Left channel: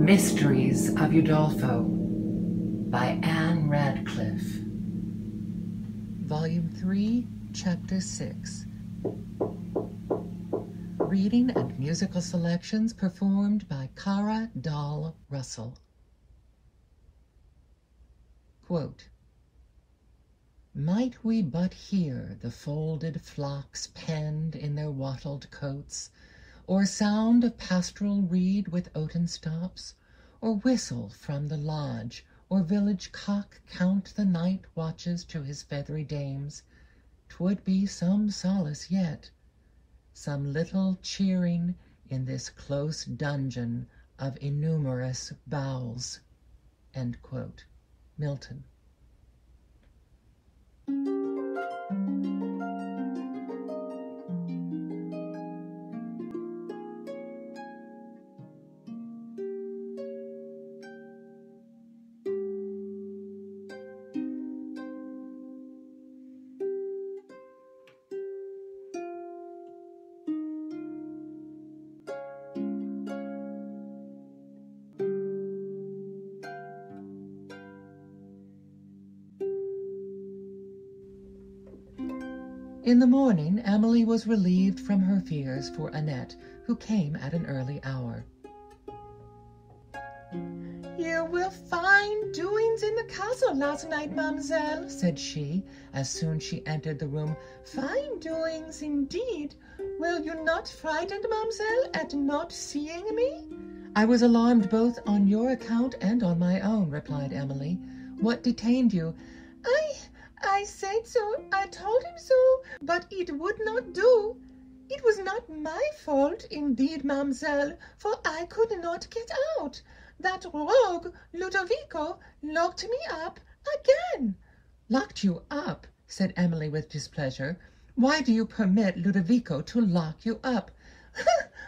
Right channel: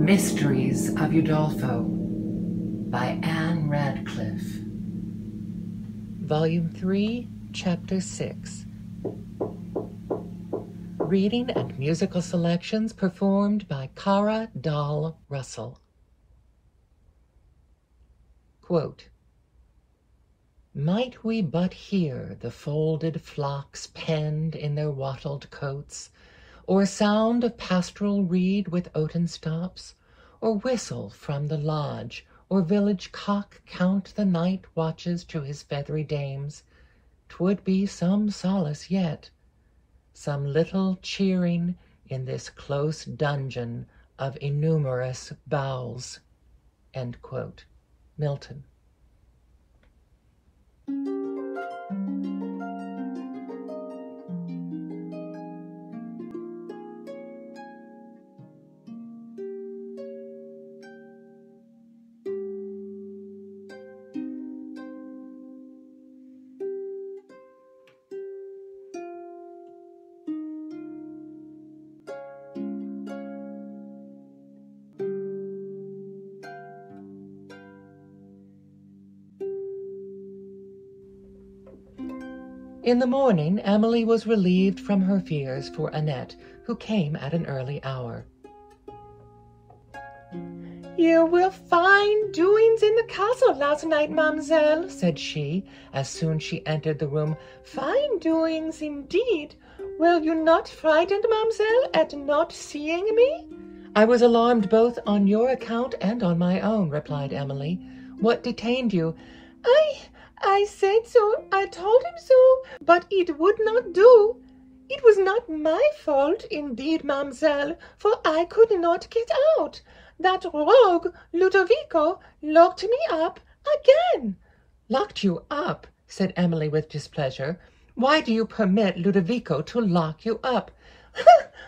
Mysteries of Udolpho by Ann Radcliffe. Volume 3, Chapter 6. Reading and musical selections performed by Kara Dahl Russell. Quote, "Might we but hear the folded flocks penned in their wattled coats, or sound of pastoral reed with oaten stops, or whistle from the lodge, or village cock count the night watches to his feathery dames, 'twould be some solace yet, some little cheering in this close dungeon of innumerous bowels." End quote. Milton. In the morning, Emily was relieved from her fears for Annette, who came at an early hour. "You were fine doings in the castle last night, mademoiselle," said she, as soon as she entered the room. "Fine doings indeed. Were you not frightened, mademoiselle, at not seeing me?" "I was alarmed both on your account and on my own," replied Emily. "What detained you?" I said so, I told him so, but it would not do. It was not my fault, indeed, mademoiselle, for I could not get out. That rogue, Ludovico, locked me up again." "Locked you up?" said Emily with displeasure. "Why do you permit Ludovico to lock you up?"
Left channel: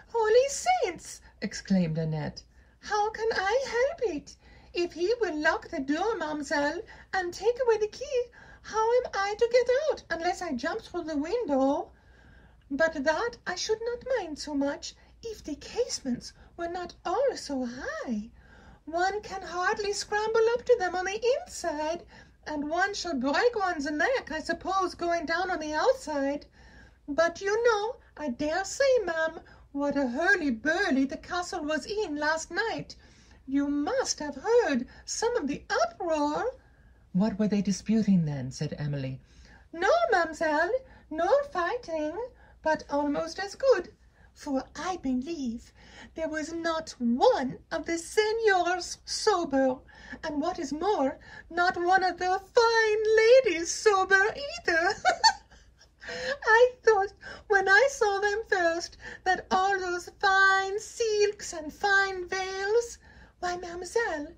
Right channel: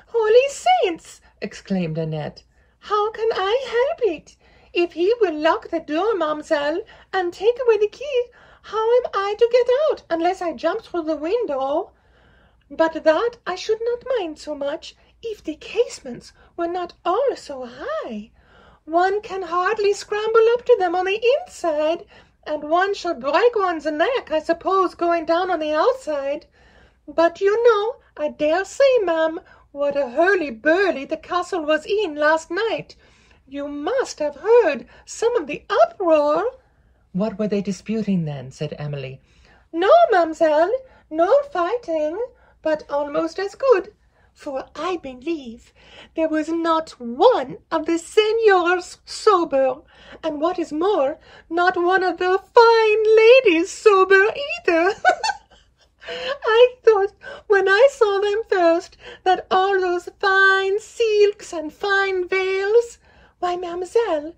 "Holy saints!" exclaimed Annette. "How can I help it? If he will lock the door, mademoiselle, and take away the key, how am I to get out unless I jump through the window? But that I should not mind so much if the casements were not all so high. One can hardly scramble up to them on the inside, and one shall break one's neck, I suppose, going down on the outside. But you know, I dare say, ma'am, what a hurly-burly the castle was in last night. You must have heard some of the uproar." "What were they disputing then?" said Emily. "No, mademoiselle, no fighting, but almost as good, for I believe there was not one of the seigneurs sober, and what is more, not one of the fine ladies sober either." "I thought when I saw them first that all those fine silks and fine veils, why, mademoiselle,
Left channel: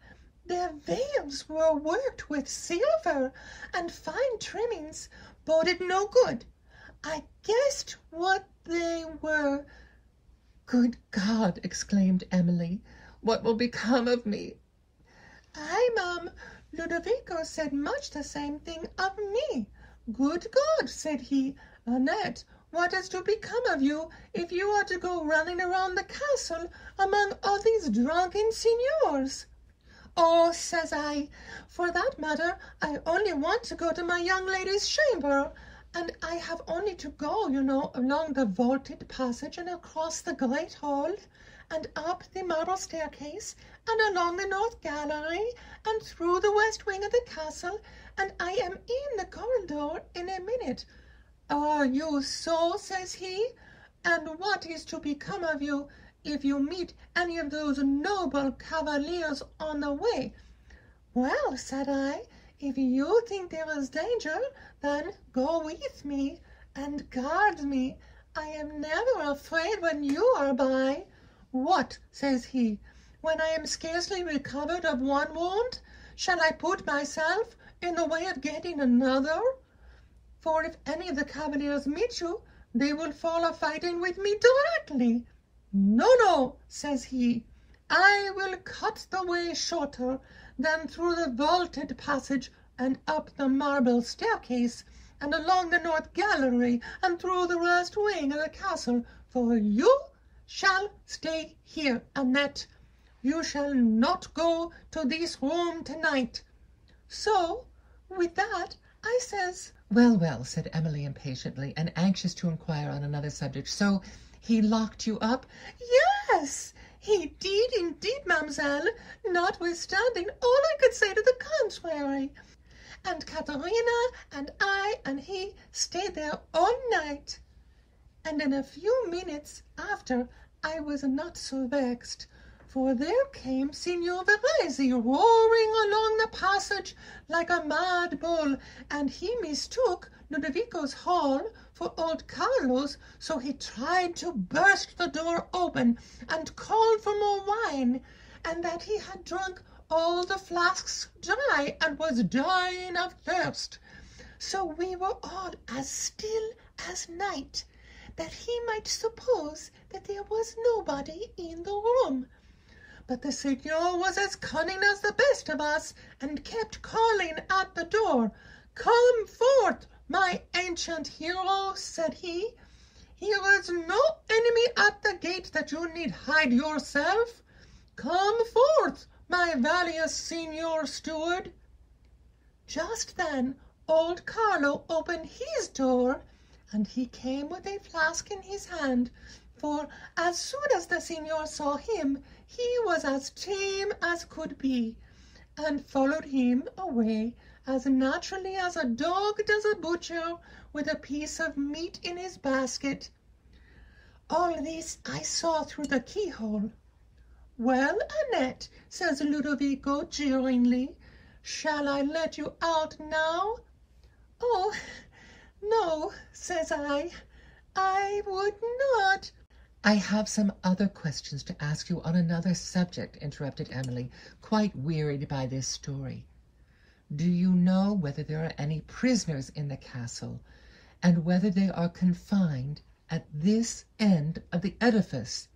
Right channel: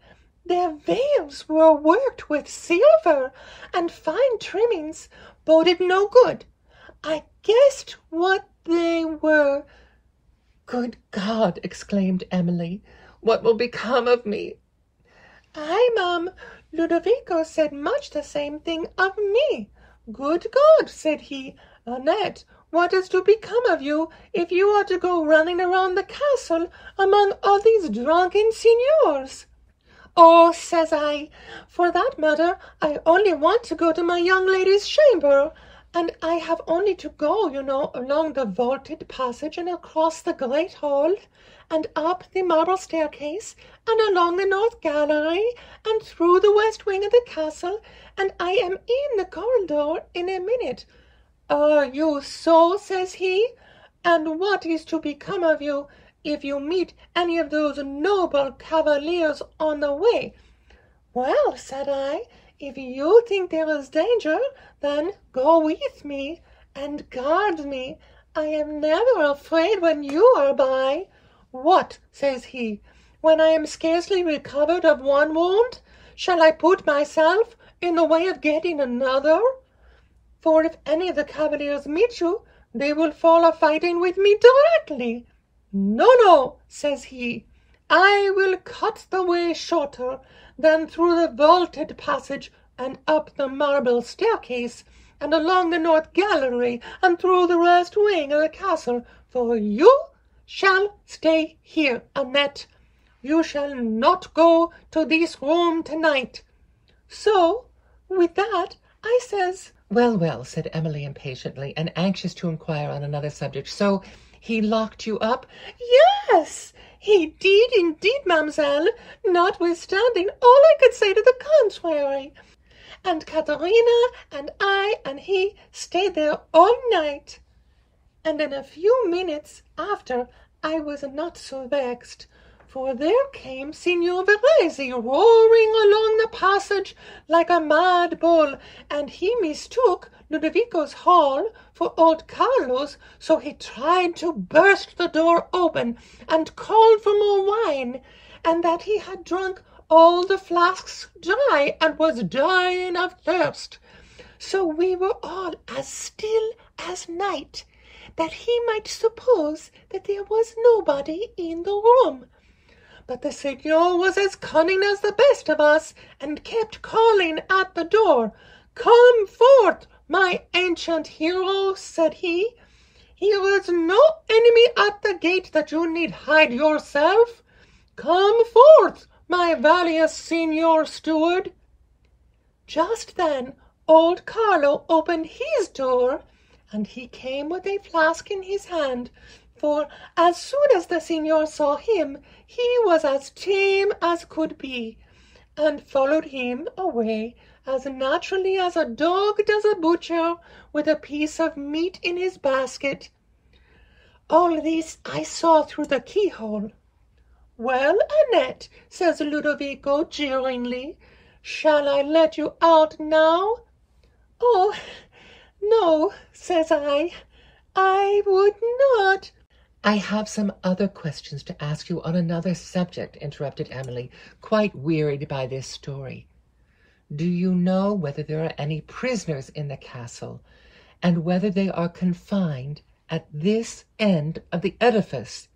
their veils were worked with silver, and fine trimmings boded no good. I guessed what they were." "Good God!" exclaimed Emily. "What will become of me?" "Aye, ma'am, Ludovico said much the same thing of me. 'Good God,' said he, 'Annette, what is to become of you if you are to go running around the castle among all these drunken signors?' 'Oh,' says I, 'for that matter, I only want to go to my young lady's chamber, and I have only to go, you know, along the vaulted passage and across the great hall, and up the marble staircase, and along the north gallery, and through the west wing of the castle, and I am in the corridor in a minute.' 'Are you so?' says he, 'and what is to become of you if you meet any of those noble cavaliers on the way?' 'Well,' said I, 'if you think there is danger, then go with me, and guard me. I am never afraid when you are by.' 'What,' says he, 'when I am scarcely recovered of one wound? Shall I put myself in the way of getting another? For if any of the cavaliers meet you, they will fall a-fighting with me directly.' 'No, no,' says he, 'I will cut the way shorter, then through the vaulted passage, and up the marble staircase, and along the north gallery, and through the west wing of the castle, for you shall stay here, Annette. You shall not go to this room tonight. So, with that, I says, Well, well, said Emily impatiently, and anxious to inquire on another subject. So he locked you up? Yes, he did indeed, mademoiselle, notwithstanding all I could say to the contrary. And Katharina and I and he stayed there all night. And in a few minutes after I was not so vexed, for there came Signor Verezi roaring along the passage like a mad bull, and he mistook Ludovico's hall for old Carlo's, so he tried to burst the door open and called for more wine, and that he had drunk all the flasks dry and was dying of thirst. So we were all as still as night, that he might suppose that there was nobody in the room. But the Signor was as cunning as the best of us, and kept calling at the door. "Come forth, my ancient hero," said he. "Here is no enemy at the gate that you need hide yourself. Come forth, my valiant Signor Steward." Just then old Carlo opened his door, and he came with a flask in his hand, for as soon as the Signor saw him, he was as tame as could be, and followed him away as naturally as a dog does a butcher with a piece of meat in his basket. All this I saw through the keyhole. "Well, Annette," says Ludovico jeeringly, "shall I let you out now?" "Oh, no," says I would not." I have some other questions to ask you on another subject, interrupted Emily, quite wearied by this story. Do you know whether there are any prisoners in the castle, and whether they are confined at this end of the edifice?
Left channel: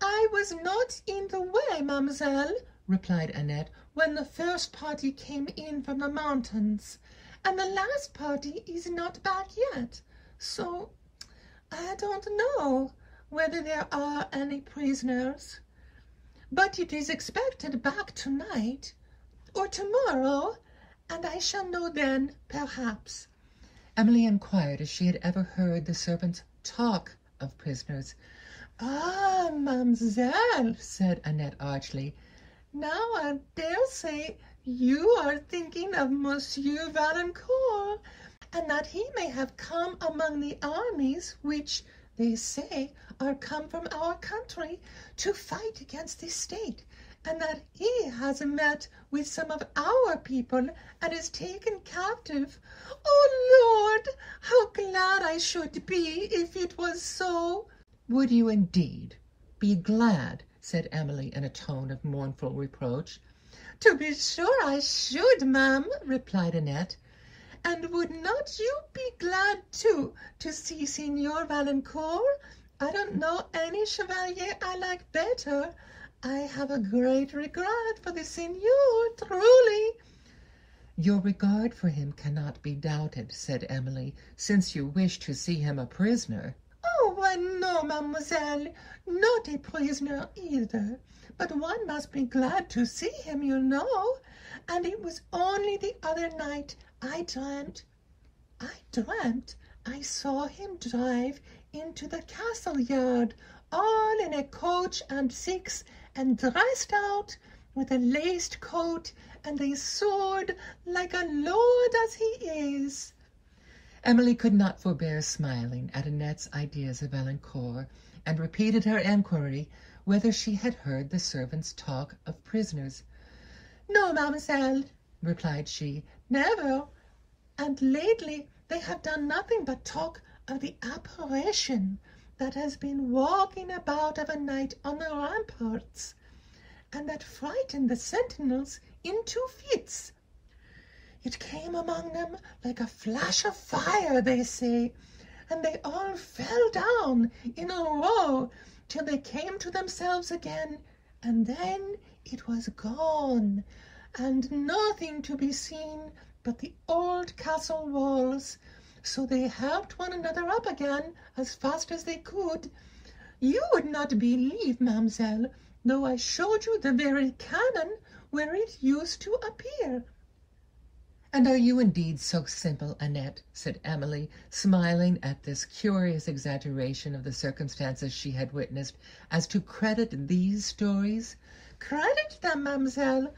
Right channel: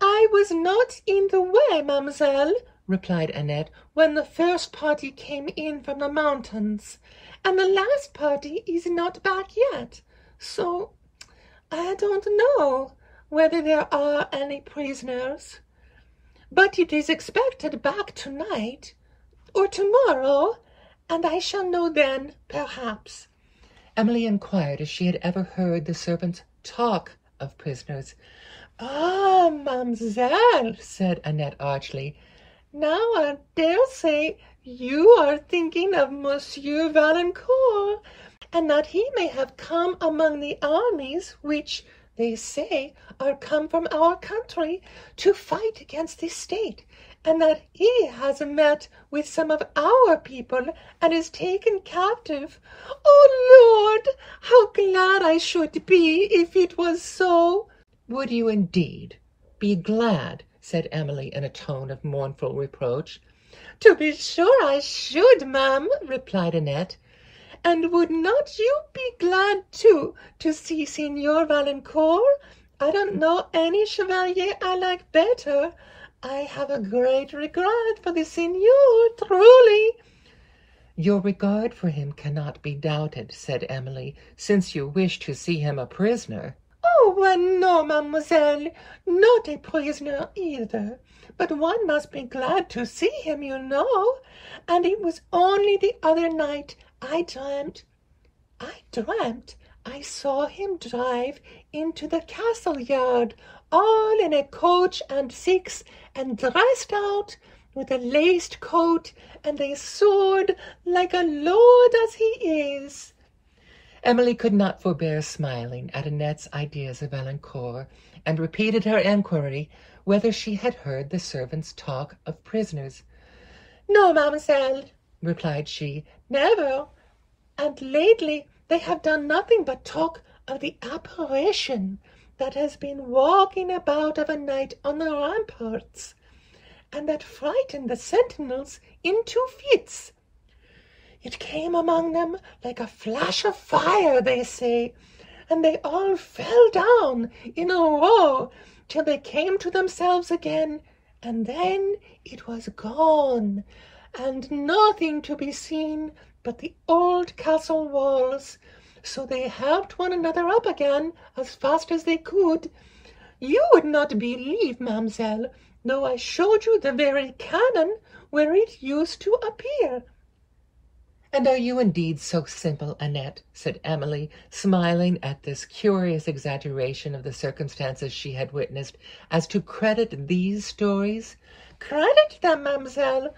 "I was not in the way, mademoiselle," replied Annette, "when the first party came in from the mountains, and the last party is not back yet, so I don't know whether there are any prisoners. But it is expected back tonight or tomorrow, and I shall know then, perhaps." Emily inquired if she had ever heard the servants talk of prisoners. "Ah, mademoiselle," said Annette archly, "now I dare say you are thinking of Monsieur Valancourt, and that he may have come among the armies which, they say, are come from our country to fight against this state, and that he has met with some of our people and is taken captive. Oh, Lord, how glad I should be if it was so!" "Would you indeed be glad?" said Emily in a tone of mournful reproach. "To be sure I should, ma'am," replied Annette. "And would not you be glad, too, to see Signor Valancourt? I don't know any chevalier I like better. I have a great regard for the Signor, truly." "Your regard for him cannot be doubted," said Emily, "since you wish to see him a prisoner." "Oh, well, no, mademoiselle, not a prisoner either, but one must be glad to see him, you know, and it was only the other night I dreamt I saw him drive into the castle yard, all in a coach and six, and dressed out with a laced coat and a sword like a lord as he is." Emily could not forbear smiling at Annette's ideas of Valancourt, and repeated her enquiry whether she had heard the servants talk of prisoners. "No, mademoiselle," replied she, "never. And lately they have done nothing but talk of the apparition that has been walking about of a night on the ramparts, and that frightened the sentinels into fits. It came among them like a flash of fire, they say, and they all fell down in a row till they came to themselves again, and then it was gone, and nothing to be seen but the old castle walls. So they helped one another up again as fast as they could. You would not believe, mademoiselle, though I showed you the very canon where it used to appear." "And are you indeed so simple, Annette," said Emily, smiling at this curious exaggeration of the circumstances she had witnessed, "as to credit these stories?" "Credit them, mademoiselle?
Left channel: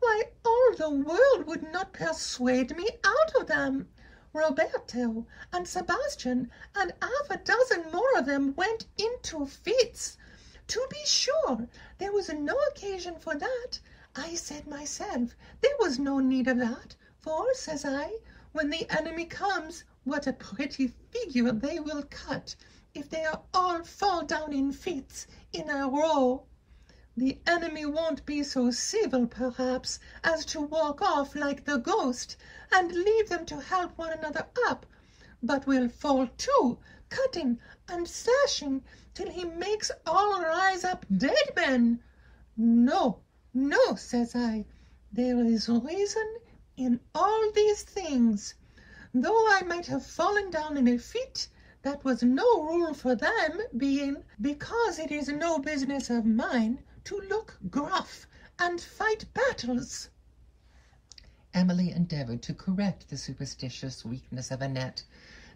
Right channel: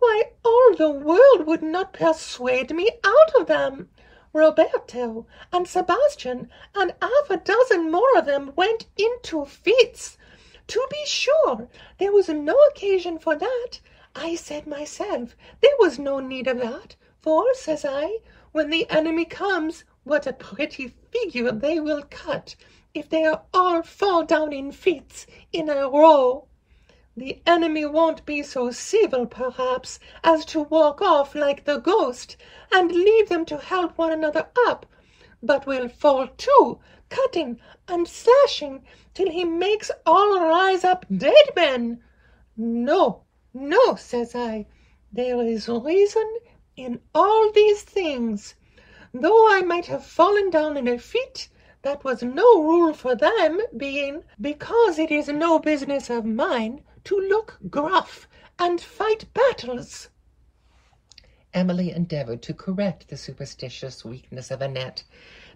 Why, all the world would not persuade me out of them. Roberto and Sebastian and half a dozen more of them went into fits. To be sure, there was no occasion for that. I said myself, there was no need of that. For, says I, when the enemy comes, what a pretty figure they will cut, if they all fall down in fits in a row. The enemy won't be so civil, perhaps, as to walk off like the ghost, and leave them to help one another up, but will fall to, cutting and slashing, till he makes all rise up dead men. No, no, says I, there is reason in all these things. Though I might have fallen down in a fit, that was no rule for them, being because it is no business of mine to look gruff and fight battles." Emily endeavoured to correct the superstitious weakness of Annette,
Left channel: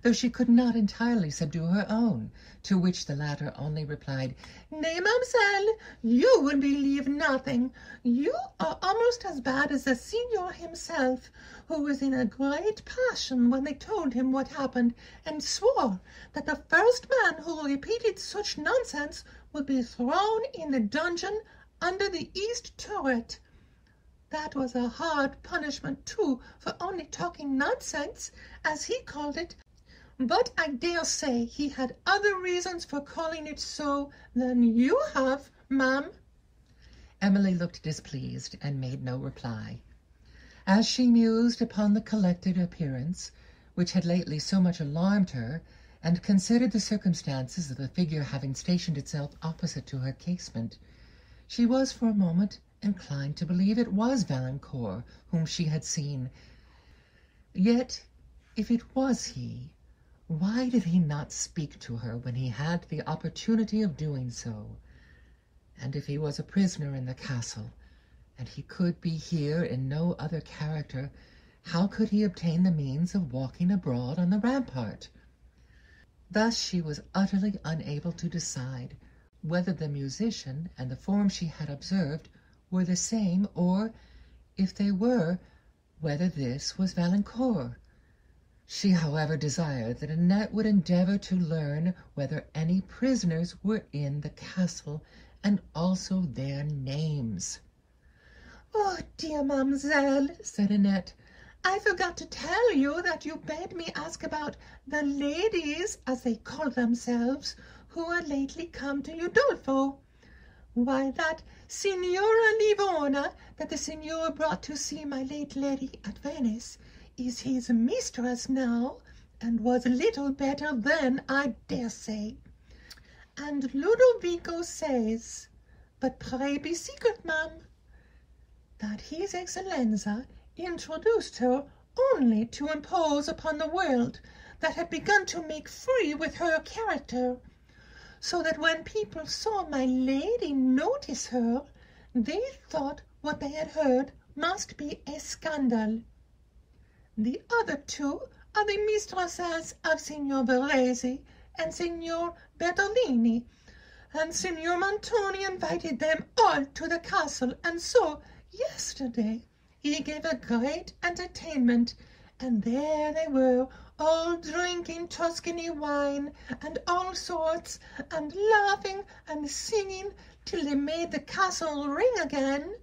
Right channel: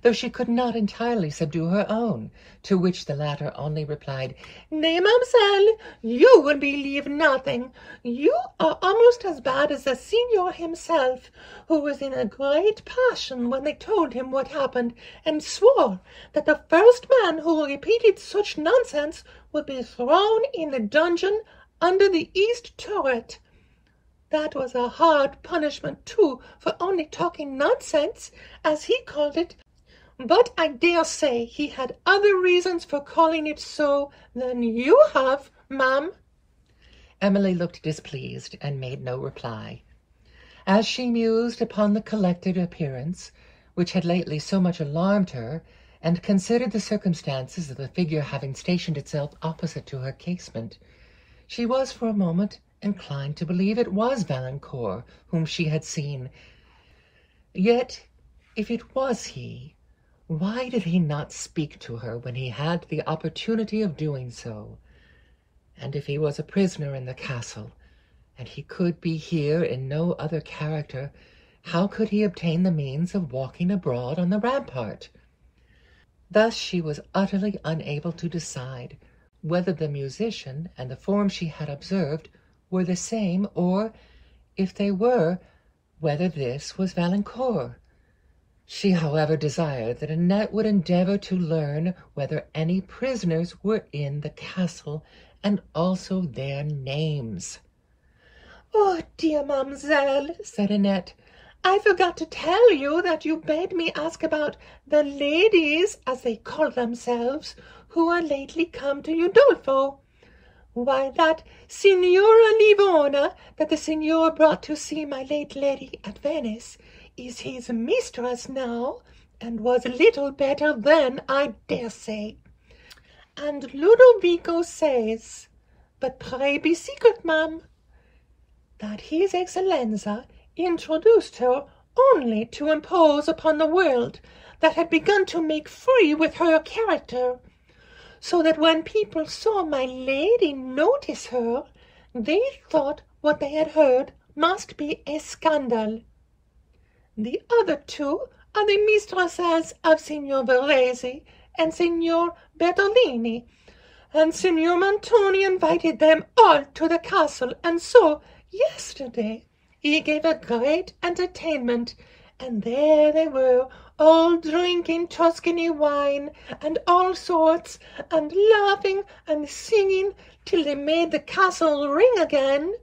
though she could not entirely subdue her own, to which the latter only replied, "Nay, mademoiselle, you would believe nothing. You are almost as bad as the signor himself, who was in a great passion when they told him what happened, and swore that the first man who repeated such nonsense would be thrown in the dungeon under the east turret. That was a hard punishment, too, for only talking nonsense, as he called it, but I dare say he had other reasons for calling it so than you have, ma'am." Emily looked displeased and made no reply. As she mused upon the collected appearance, which had lately so much alarmed her, and considered the circumstances of the figure having stationed itself opposite to her casement, she was for a moment inclined to believe it was Valancourt whom she had seen. Yet, if it was he, why did he not speak to her when he had the opportunity of doing so? And if he was a prisoner in the castle, and he could be here in no other character, how could he obtain the means of walking abroad on the rampart? Thus she was utterly unable to decide whether the musician and the form she had observed were the same, or, if they were, whether this was Valancourt. She, however, desired that Annette would endeavour to learn whether any prisoners were in the castle, and also their names. "Oh, dear mademoiselle," said Annette, "I forgot to tell you that you bade me ask about the ladies, as they call themselves, who are lately come to Udolpho. Why, that Signora Livona, that the signor brought to see my late lady at Venice, is his mistress now, and was little better then, I dare say. And Ludovico says, but pray be secret, ma'am, that his Excellenza introduced her only to impose upon the world that had begun to make free with her character, so that when people saw my lady notice her, they thought what they had heard must be a scandal. The other two are the mistresses of Signor Verezi and Signor Bertolini, and Signor Montoni invited them all to the castle, and so yesterday he gave a great entertainment, and there they were, all drinking Tuscany wine and all sorts, and laughing and singing till they made the castle ring again.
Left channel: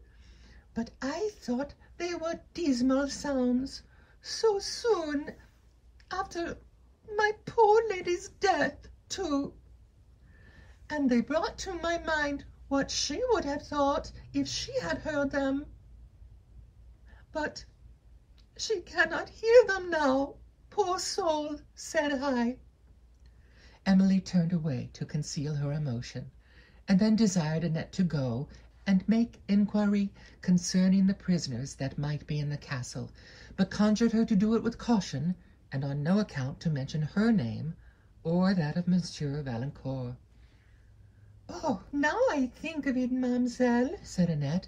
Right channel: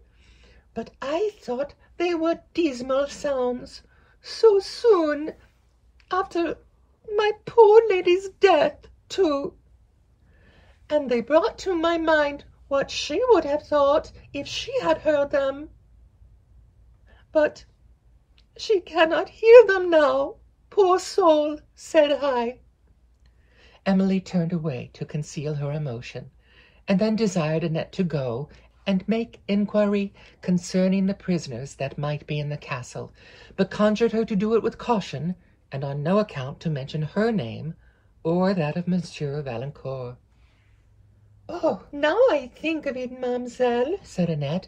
But I thought they were dismal sounds, so soon after my poor lady's death, too. And they brought to my mind what she would have thought if she had heard them. But she cannot hear them now, poor soul, said I." Emily turned away to conceal her emotion, and then desired Annette to go and make inquiry concerning the prisoners that might be in the castle, but conjured her to do it with caution, and on no account to mention her name or that of Monsieur Valancourt. "Oh, now I think of it, mademoiselle," said Annette,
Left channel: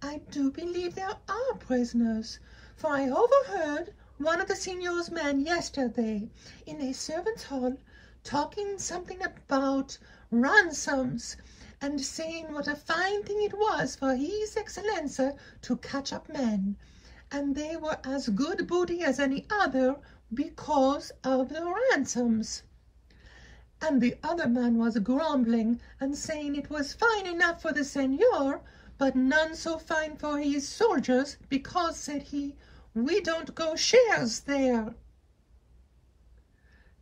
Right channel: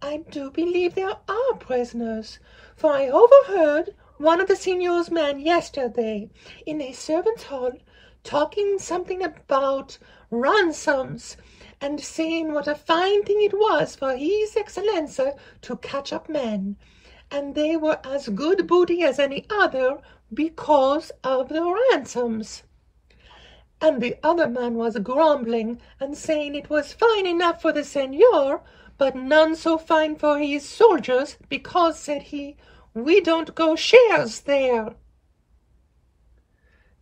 "I do believe there are prisoners, for I overheard one of the signor's men yesterday in a servants' hall talking something about ransoms, and saying what a fine thing it was for his Excellenza to catch up men, and they were as good booty as any other because of the ransoms. And the other man was grumbling and saying it was fine enough for the seigneur, but none so fine for his soldiers, because, said he, we don't go shares there."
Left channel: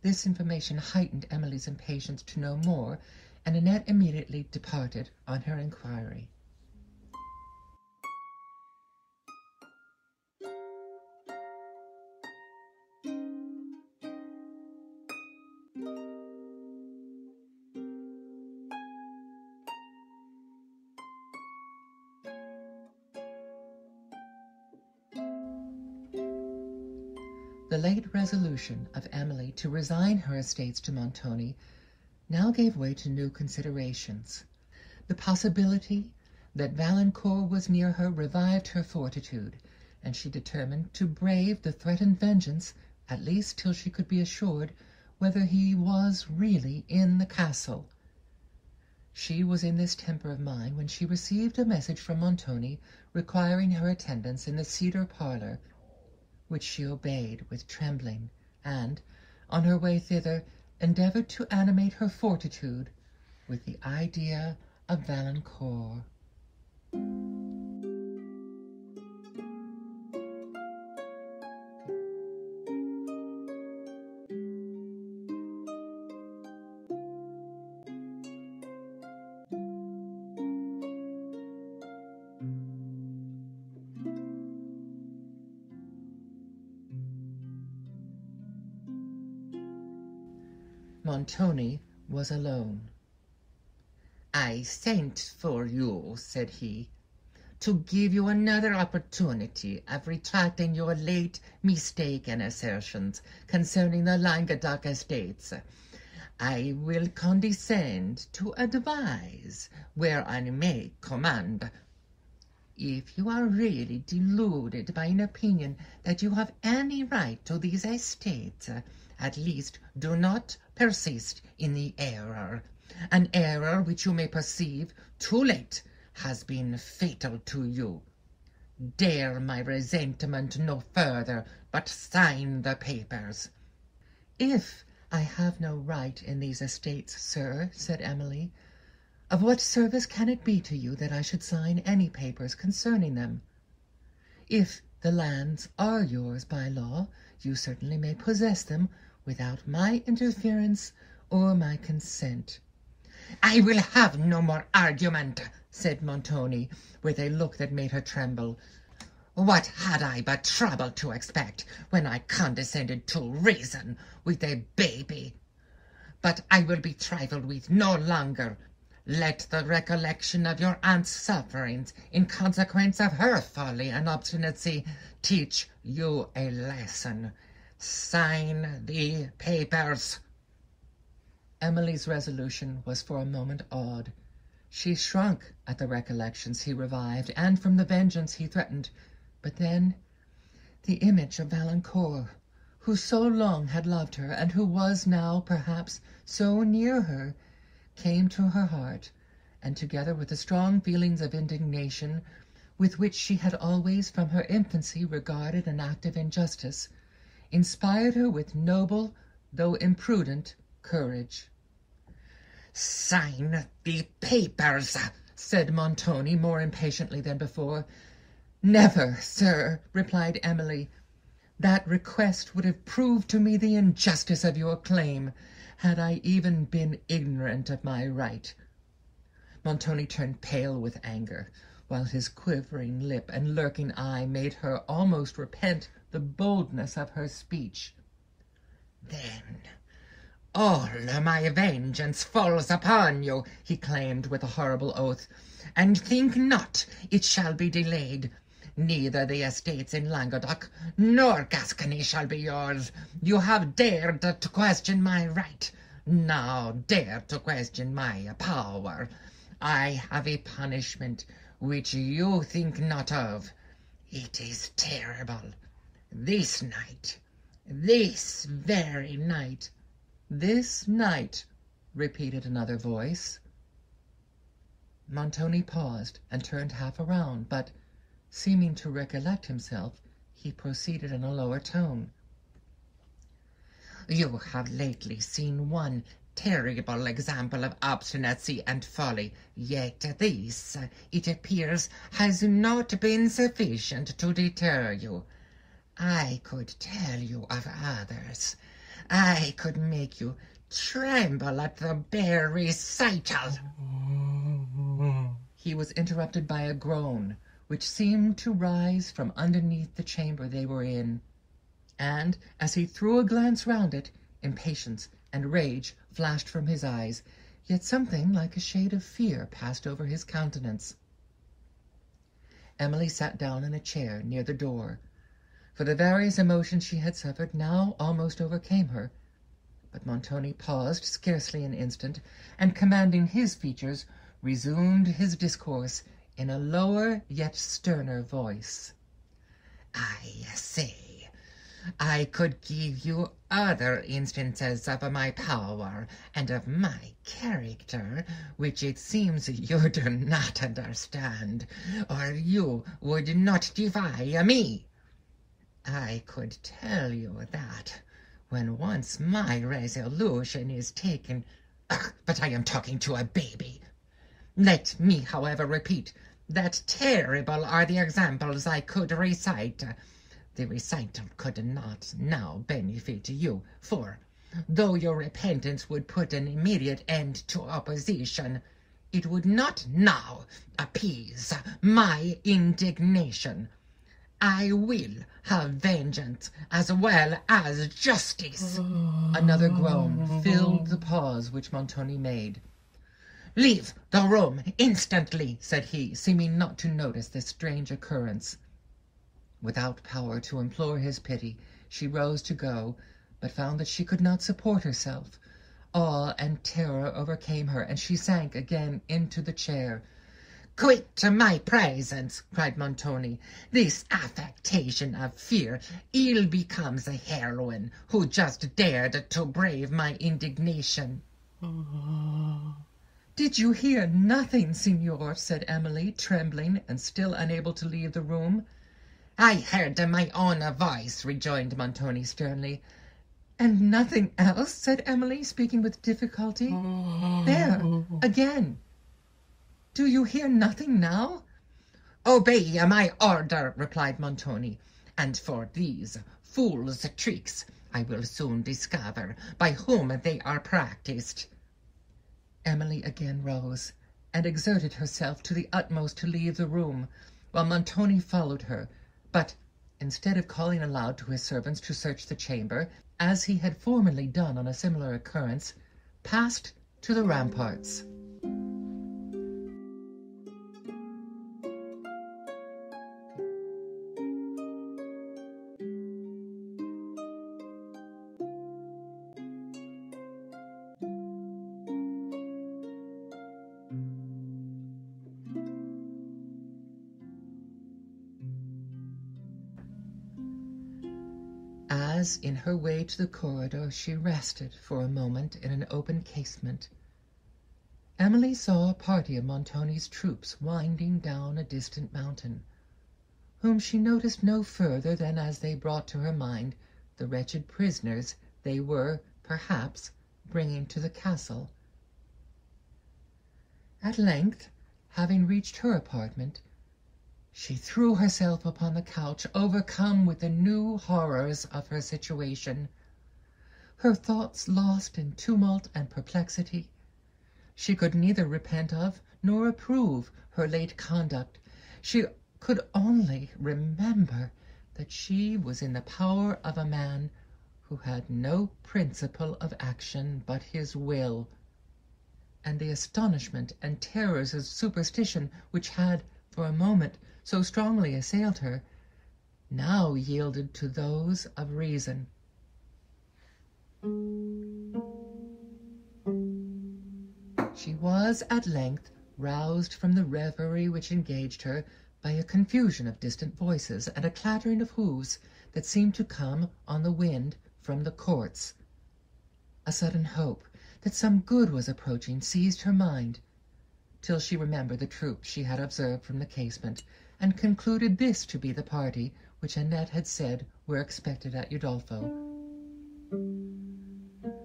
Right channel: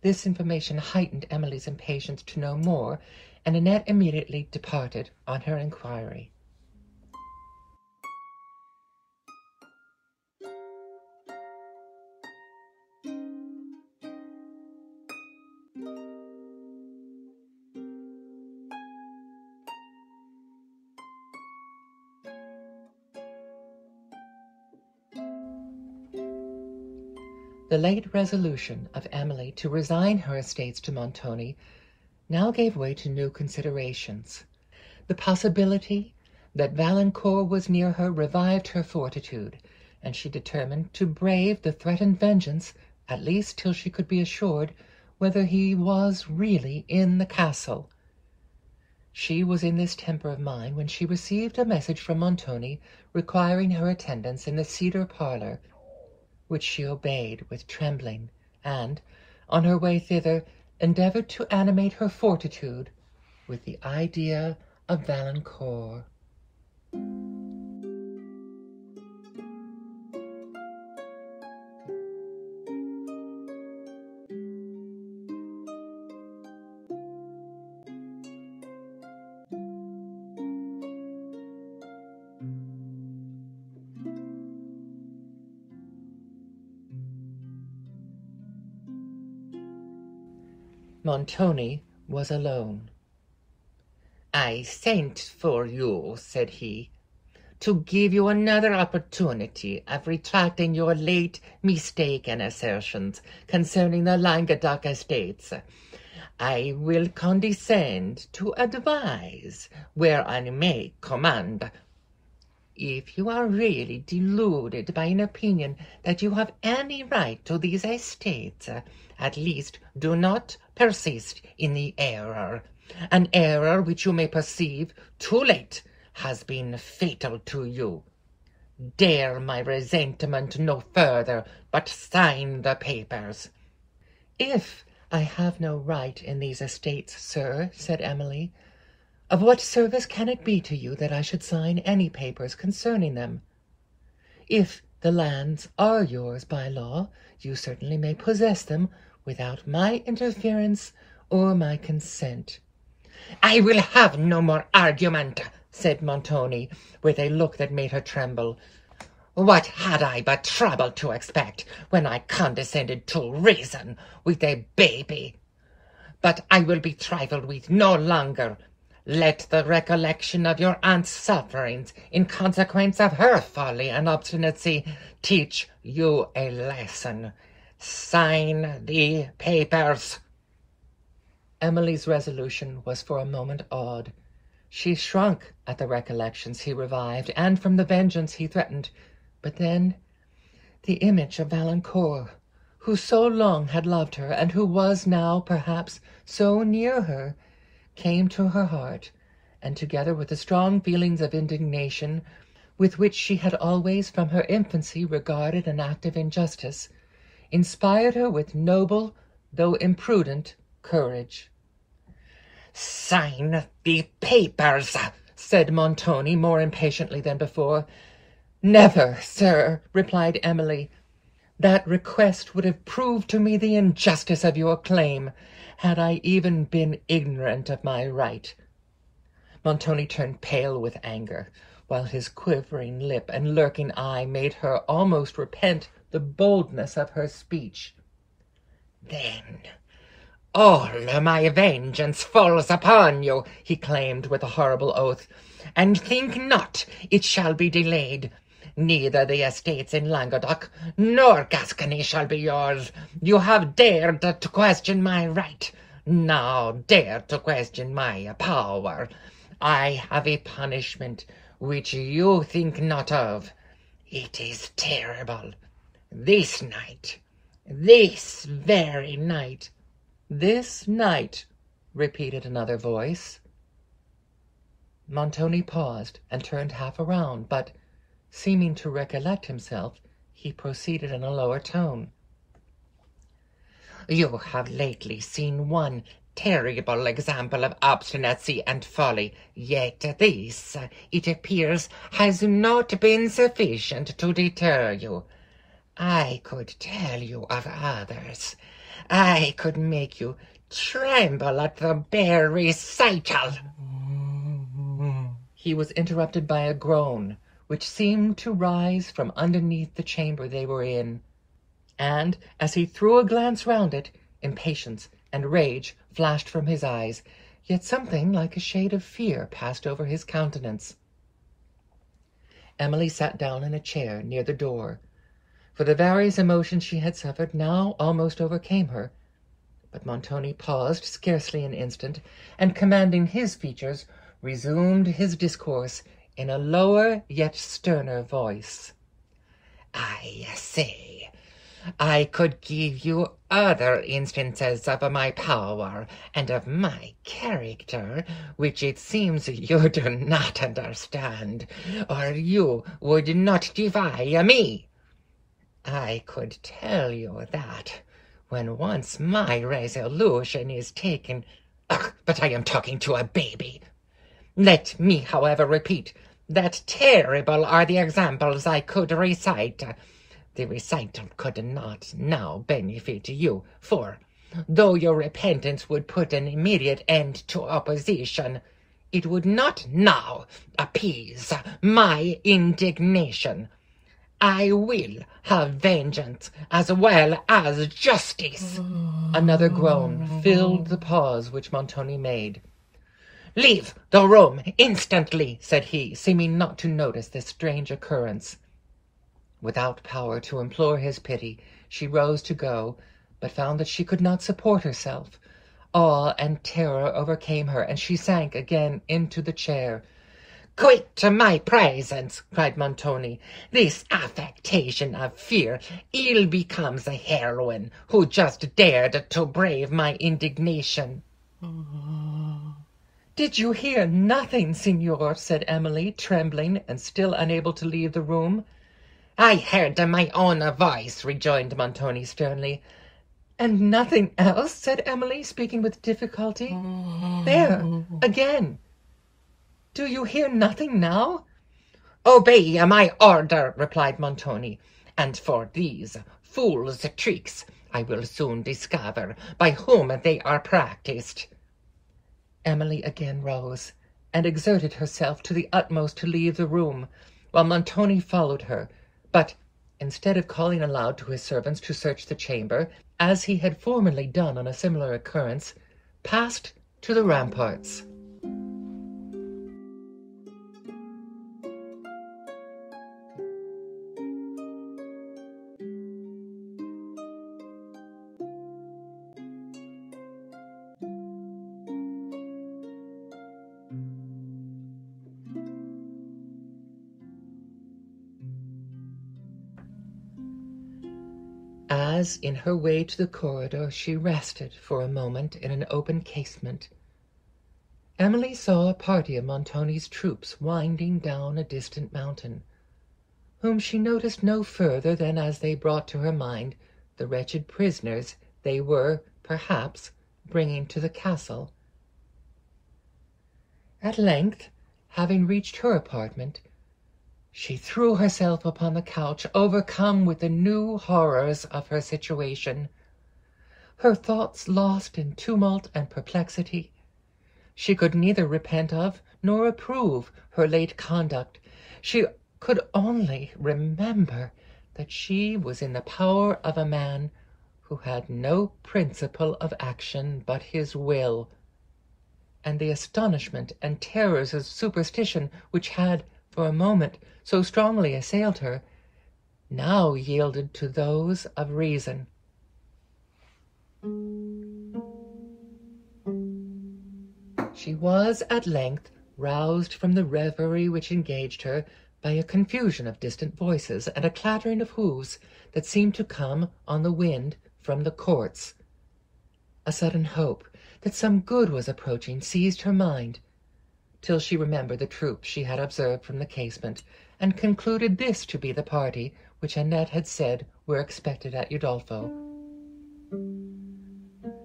This information heightened Emily's impatience to know more, and Annette immediately departed on her inquiry. The late resolution of Emily to resign her estates to Montoni now gave way to new considerations. The possibility that Valancourt was near her revived her fortitude, and she determined to brave the threatened vengeance, at least till she could be assured whether he was really in the castle. She was in this temper of mind when she received a message from Montoni requiring her attendance in the cedar parlour, which she obeyed with trembling, and, on her way thither, endeavoured to animate her fortitude with the idea of Valancourt. Montoni was alone. "I sent for you," said he, "to give you another opportunity of retracting your late mistaken assertions concerning the Languedoc estates. I will condescend to advise where I may command. If you are really deluded by an opinion that you have any right to these estates, at least do not persist in the error, an error which you may perceive too late has been fatal to you. Dare my resentment no further, but sign the papers." "If I have no right in these estates, sir," said Emily, "of what service can it be to you that I should sign any papers concerning them? If the lands are yours by law, you certainly may possess them without my interference or my consent." "I will have no more argument," said Montoni, with a look that made her tremble. "What had I but trouble to expect when I condescended to reason with a baby? But I will be trifled with no longer. Let the recollection of your aunt's sufferings in consequence of her folly and obstinacy teach you a lesson. Sign the papers." Emily's resolution was for a moment awed. She shrunk at the recollections he revived, and from the vengeance he threatened. But then the image of Valancourt, who so long had loved her, and who was now, perhaps, so near her, came to her heart, and together with the strong feelings of indignation, with which she had always from her infancy regarded an act of injustice, inspired her with noble, though imprudent, courage. "Sign the papers," said Montoni, more impatiently than before. "Never, sir," replied Emily. "That request would have proved to me the injustice of your claim, had I even been ignorant of my right." Montoni turned pale with anger, while his quivering lip and lurking eye made her almost repent the boldness of her speech. "Then all my vengeance falls upon you," he claimed with a horrible oath, "and think not it shall be delayed. Neither the estates in Languedoc nor Gascony shall be yours. You have dared to question my right. now dare to question my power. I have a punishment which you think not of. It is terrible. This night, this very night." "This night," repeated another voice. Montoni paused and turned half around, but, seeming to recollect himself, he proceeded in a lower tone. "You have lately seen one terrible example of obstinacy and folly, yet this, it appears, has not been sufficient to deter you. I could tell you of others. I could make you tremble at the bare recital." He was interrupted by a groan, which seemed to rise from underneath the chamber they were in, and, as he threw a glance round it, impatience and rage flashed from his eyes, yet something like a shade of fear passed over his countenance. Emily sat down in a chair near the door, for the various emotions she had suffered now almost overcame her. But Montoni paused scarcely an instant, and, commanding his features, resumed his discourse in a lower yet sterner voice. "I say, I could give you other instances of my power and of my character, which it seems you do not understand, or you would not defy me. I could tell you that, when once my resolution is taken— but I am talking to a baby. Let me, however, repeat that terrible are the examples I could recite. The recital could not now benefit you, for, though your repentance would put an immediate end to opposition, it would not now appease my indignation. I will have vengeance as well as justice." Another groan filled the pause which Montoni made. "Leave the room instantly," said he, seeming not to notice this strange occurrence. Without power to implore his pity, she rose to go, but found that she could not support herself. Awe and terror overcame her, and she sank again into the chair. "Quit my presence," cried Montoni. "This affectation of fear ill becomes a heroine who just dared to brave my indignation." "Did you hear nothing, signor?" said Emily, trembling and still unable to leave the room. "I heard my own voice," rejoined Montoni sternly. "And nothing else?" said Emily, speaking with difficulty. "There, again. Do you hear nothing now?" "Obey my order," replied Montoni, "and for these fool's tricks I will soon discover by whom they are practised." Emily again rose, and exerted herself to the utmost to leave the room, while Montoni followed her, but, instead of calling aloud to his servants to search the chamber, as he had formerly done on a similar occurrence, passed to the ramparts. As, in her way to the corridor, she rested for a moment in an open casement, Emily saw a party of Montoni's troops winding down a distant mountain, whom she noticed no further than as they brought to her mind the wretched prisoners they were, perhaps, bringing to the castle. At length, having reached her apartment, she threw herself upon the couch, overcome with the new horrors of her situation. Her thoughts lost in tumult and perplexity, she could neither repent of nor approve her late conduct. She could only remember that she was in the power of a man who had no principle of action but his will, and the astonishment and terrors of superstition which had, for a moment, so strongly assailed her, now yielded to those of reason. She was at length roused from the reverie which engaged her by a confusion of distant voices and a clattering of hoofs that seemed to come on the wind from the courts. A sudden hope that some good was approaching seized her mind, till she remembered the troops she had observed from the casement, and concluded this to be the party which Annette had said were expected at Udolpho.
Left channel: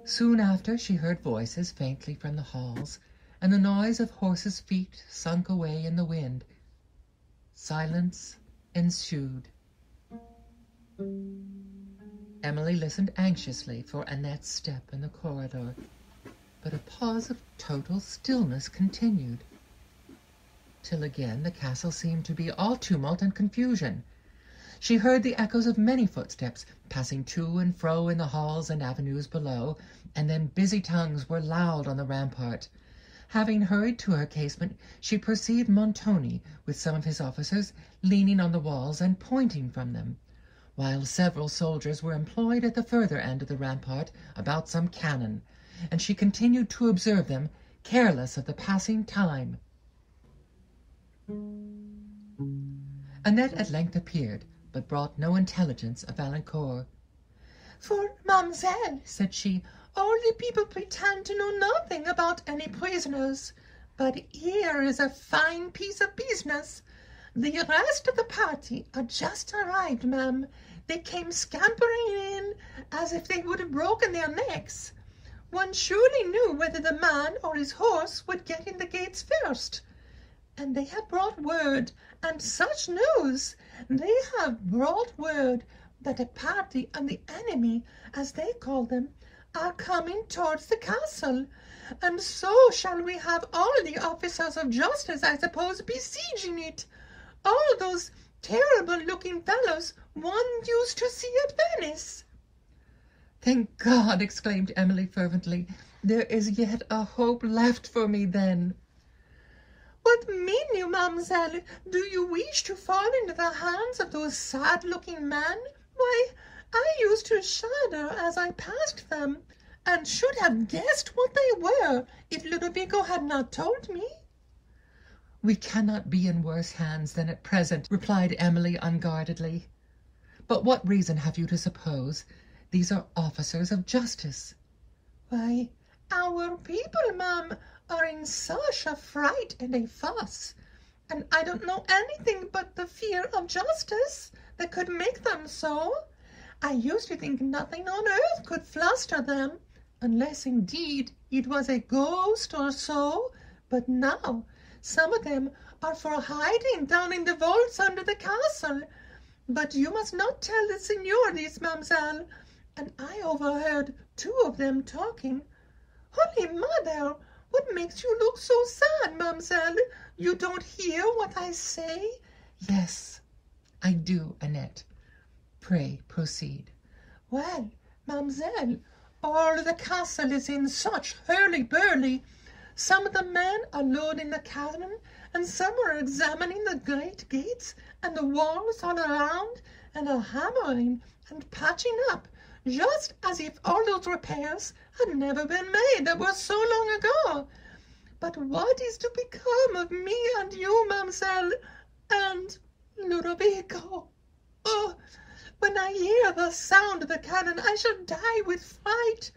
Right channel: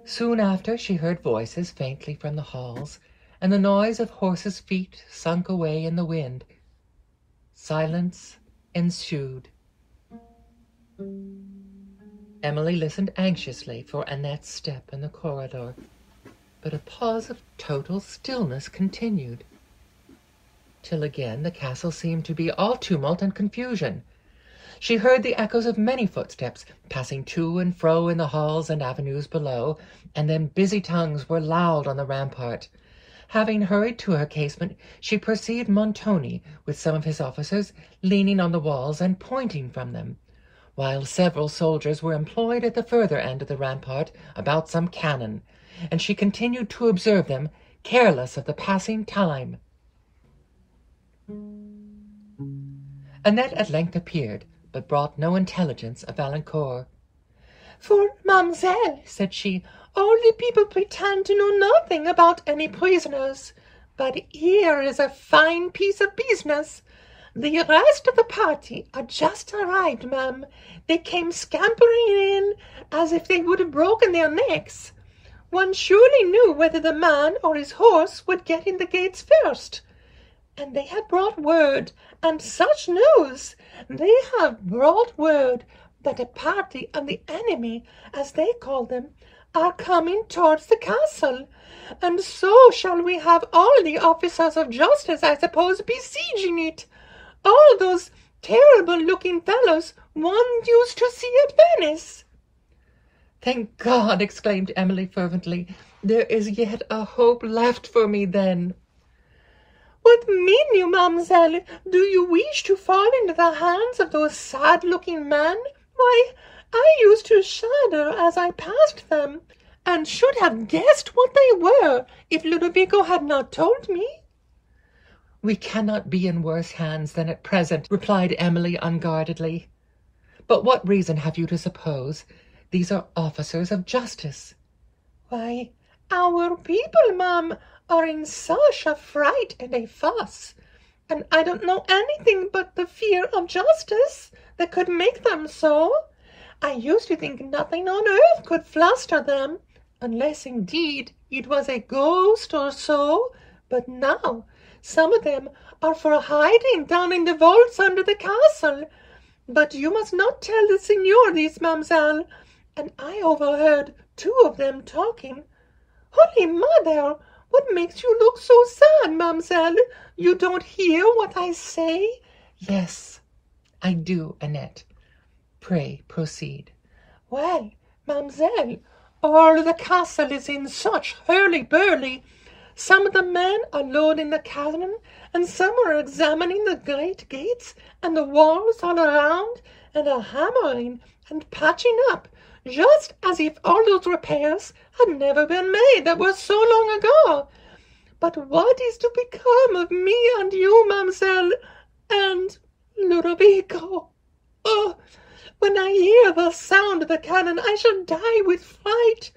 Soon after she heard voices faintly from the halls, and the noise of horses' feet sunk away in the wind. Silence ensued. Emily listened anxiously for Annette's step in the corridor, but a pause of total stillness continued, till again the castle seemed to be all tumult and confusion. She heard the echoes of many footsteps passing to and fro in the halls and avenues below, and then busy tongues were loud on the rampart. Having hurried to her casement, she perceived Montoni, with some of his officers, leaning on the walls and pointing from them, while several soldiers were employed at the further end of the rampart about some cannon, and she continued to observe them, careless of the passing time. Annette at length appeared, but brought no intelligence of Valancourt. "For, mademoiselle," said she, "all the people pretend to know nothing about any prisoners. But here is a fine piece of business. The rest of the party are just arrived, ma'am. They came scampering in as if they would have broken their necks. One surely knew whether the man or his horse would get in the gates first. And they have brought word, and such news! They have brought word that a party of the enemy, as they call them, are coming towards the castle, and so shall we have all the officers of justice, I suppose, besieging it. All those terrible-looking fellows one used to see at Venice." "Thank God!" exclaimed Emily fervently. "There is yet a hope left for me, then." "What mean you, mademoiselle? Do you wish to fall into the hands of those sad-looking men? Why, I used to shudder as I passed them, and should have guessed what they were if Ludovico had not told me." "We cannot be in worse hands than at present," replied Emily unguardedly. "But what reason have you to suppose these are officers of justice?" "Why, our people, ma'am, are in such a fright and a fuss, and I don't know anything but the fear of justice that could make them so. I used to think nothing on earth could fluster them, unless indeed it was a ghost or so, but now some of them are for hiding down in the vaults under the castle. But you must not tell the signor this, mademoiselle, and I overheard two of them talking. Holy Mother! What makes you look so sad, mademoiselle? You don't hear what I say?" "Yes, I do, Annette. Pray proceed." "Well, mademoiselle, all the castle is in such hurly-burly. Some of the men are loading the cannon, and some are examining the great gates and the walls all around, and are hammering and patching up, just as if all those repairs had never been made that were so long ago. But what is to become of me and you, mademoiselle, and Ludovico? Oh, when I hear the sound of the cannon, I shall die with fright.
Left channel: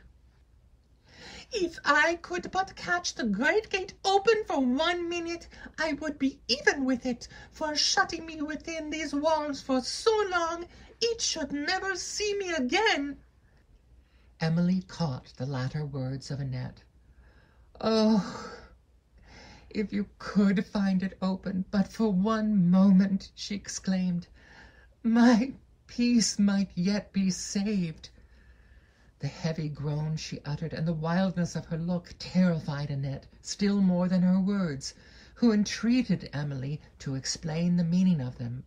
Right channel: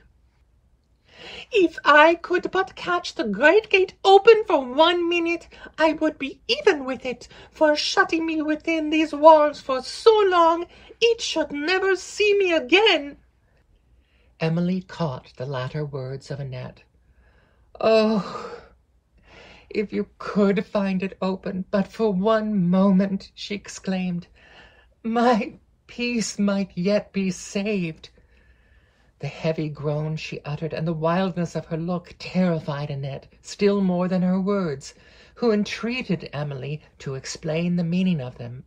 If I could but catch the great gate open for 1 minute, I would be even with it, for shutting me within these walls for so long, it should never see me again." Emily caught the latter words of Annette. "Oh, if you could find it open but for 1 moment," she exclaimed, "my peace might yet be saved." The heavy groan she uttered and the wildness of her look terrified Annette still more than her words, who entreated Emily to explain the meaning of them.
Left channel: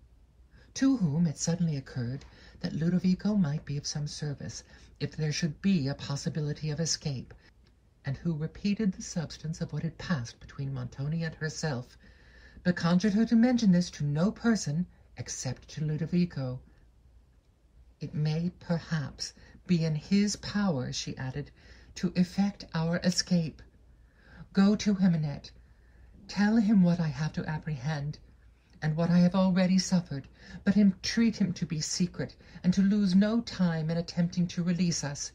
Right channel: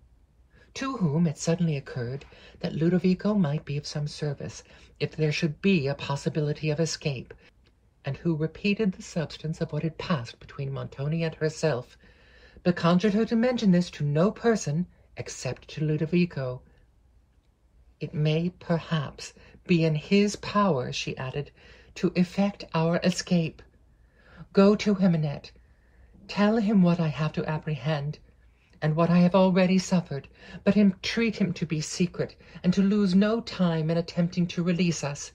To whom it suddenly occurred that Ludovico might be of some service if there should be a possibility of escape, and who repeated the substance of what had passed between Montoni and herself, but conjured her to mention this to no person except to Ludovico. "It may perhaps be in his power," she added, "to effect our escape. Go to him, Annette. Tell him what I have to apprehend, and what I have already suffered, but entreat him to be secret, and to lose no time in attempting to release us.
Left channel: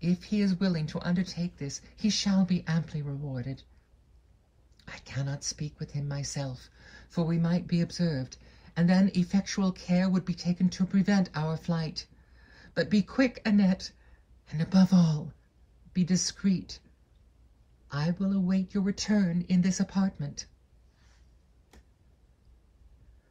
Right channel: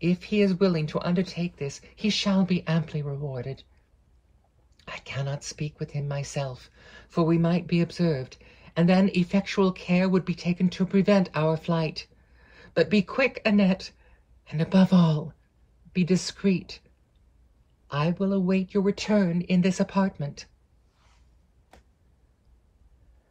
If he is willing to undertake this, he shall be amply rewarded. I cannot speak with him myself, for we might be observed, and then effectual care would be taken to prevent our flight. But be quick, Annette, and above all, be discreet. I will await your return in this apartment."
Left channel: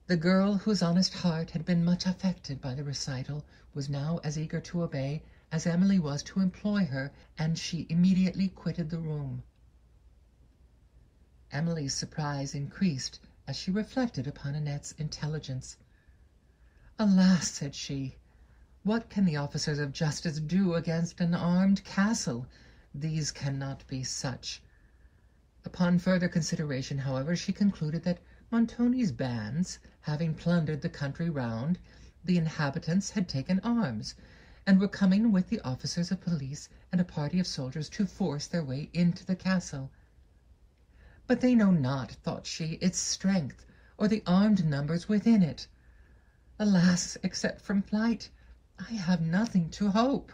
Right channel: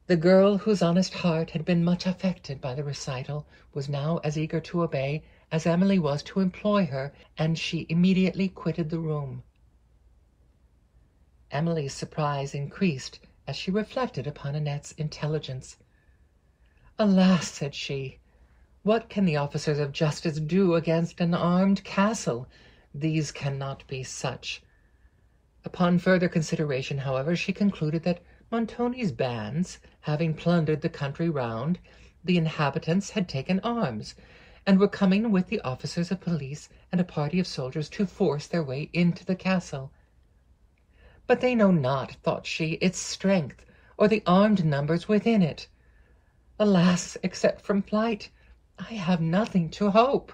The girl, whose honest heart had been much affected by the recital, was now as eager to obey as Emily was to employ her, and she immediately quitted the room. Emily's surprise increased as she reflected upon Annette's intelligence. "Alas," said she, "what can the officers of justice do against an armed castle? These cannot be such." Upon further consideration, however, she concluded that Montoni's bands, having plundered the country round, the inhabitants had taken arms, and were coming with the officers of police and a party of soldiers to force their way into the castle. "But they know not," thought she, "its strength, or the armed numbers within it. Alas, except from flight, I have nothing to hope."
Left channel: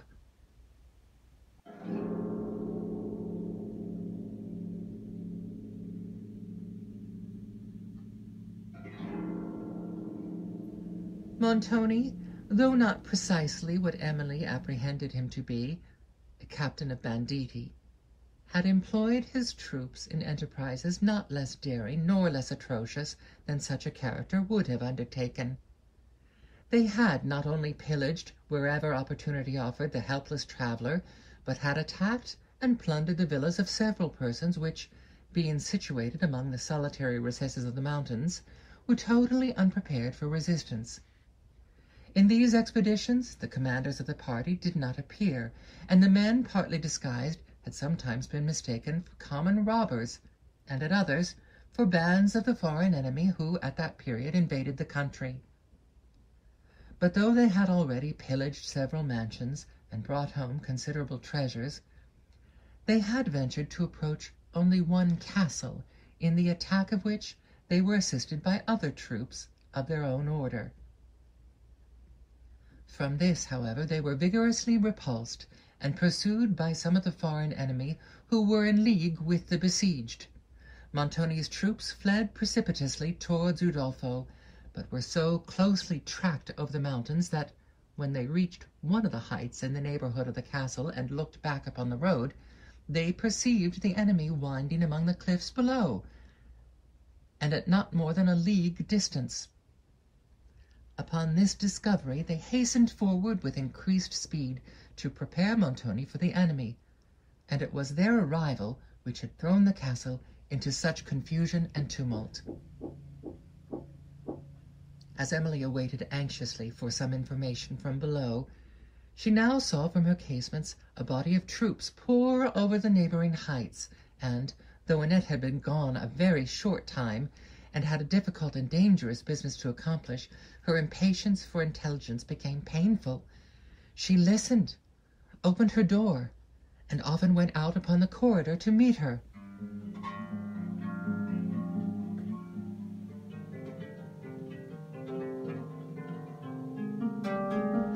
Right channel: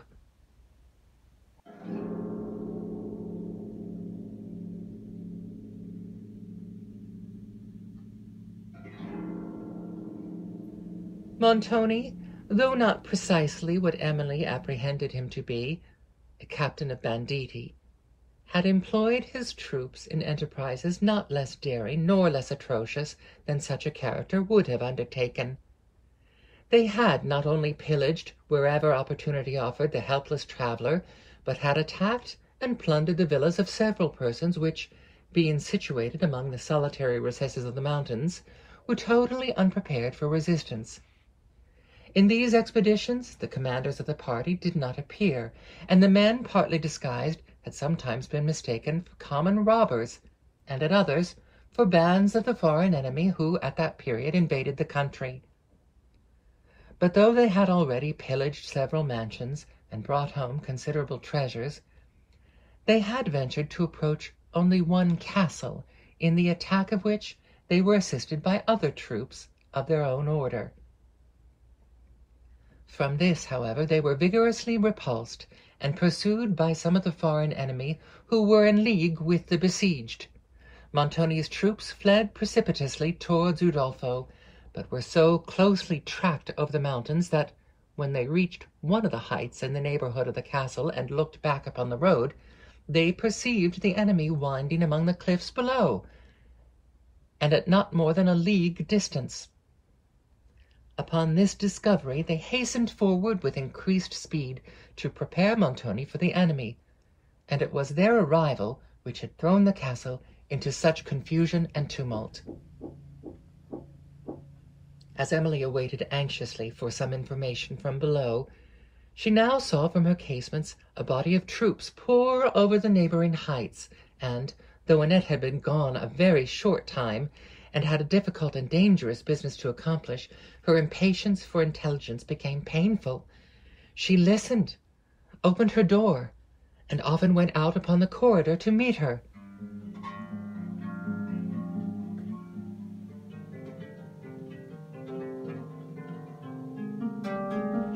Montoni, though not precisely what Emily apprehended him to be, a captain of banditti, had employed his troops in enterprises not less daring nor less atrocious than such a character would have undertaken. They had not only pillaged, wherever opportunity offered, the helpless traveller, but had attacked and plundered the villas of several persons which, being situated among the solitary recesses of the mountains, were totally unprepared for resistance. In these expeditions the commanders of the party did not appear, and the men, partly disguised, had sometimes been mistaken for common robbers, and at others for bands of the foreign enemy who at that period invaded the country. But though they had already pillaged several mansions and brought home considerable treasures, they had ventured to approach only one castle, in the attack of which they were assisted by other troops of their own order. From this, however, they were vigorously repulsed and pursued by some of the foreign enemy who were in league with the besieged. Montoni's troops fled precipitously towards Udolpho, but were so closely tracked over the mountains that, when they reached one of the heights in the neighborhood of the castle and looked back upon the road, they perceived the enemy winding among the cliffs below, and at not more than a league distance. Upon this discovery they hastened forward with increased speed to prepare Montoni for the enemy, and it was their arrival which had thrown the castle into such confusion and tumult. As Emily awaited anxiously for some information from below, she now saw from her casements a body of troops pour over the neighboring heights, and, though Annette had been gone a very short time, and had a difficult and dangerous business to accomplish, her impatience for intelligence became painful. She listened, opened her door, and often went out upon the corridor to meet her.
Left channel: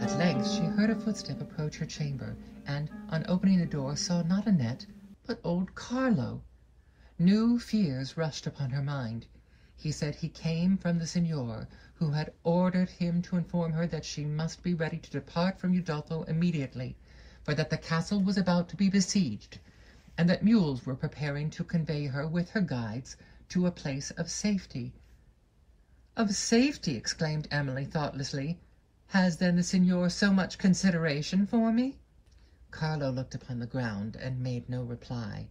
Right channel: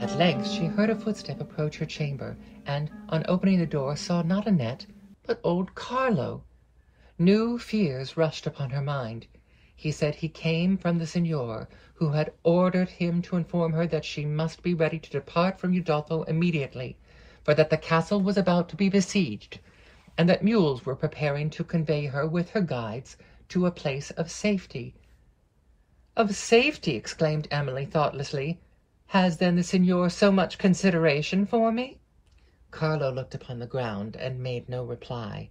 At length she heard a footstep approach her chamber, and, on opening the door, saw not Annette, but old Carlo. New fears rushed upon her mind. He said he came from the Signor, who had ordered him to inform her that she must be ready to depart from Udolpho immediately, for that the castle was about to be besieged, and that mules were preparing to convey her with her guides to a place of safety. "Of safety!" exclaimed Emily thoughtlessly. "Has then the Signor so much consideration for me?" Carlo looked upon the ground and made no reply.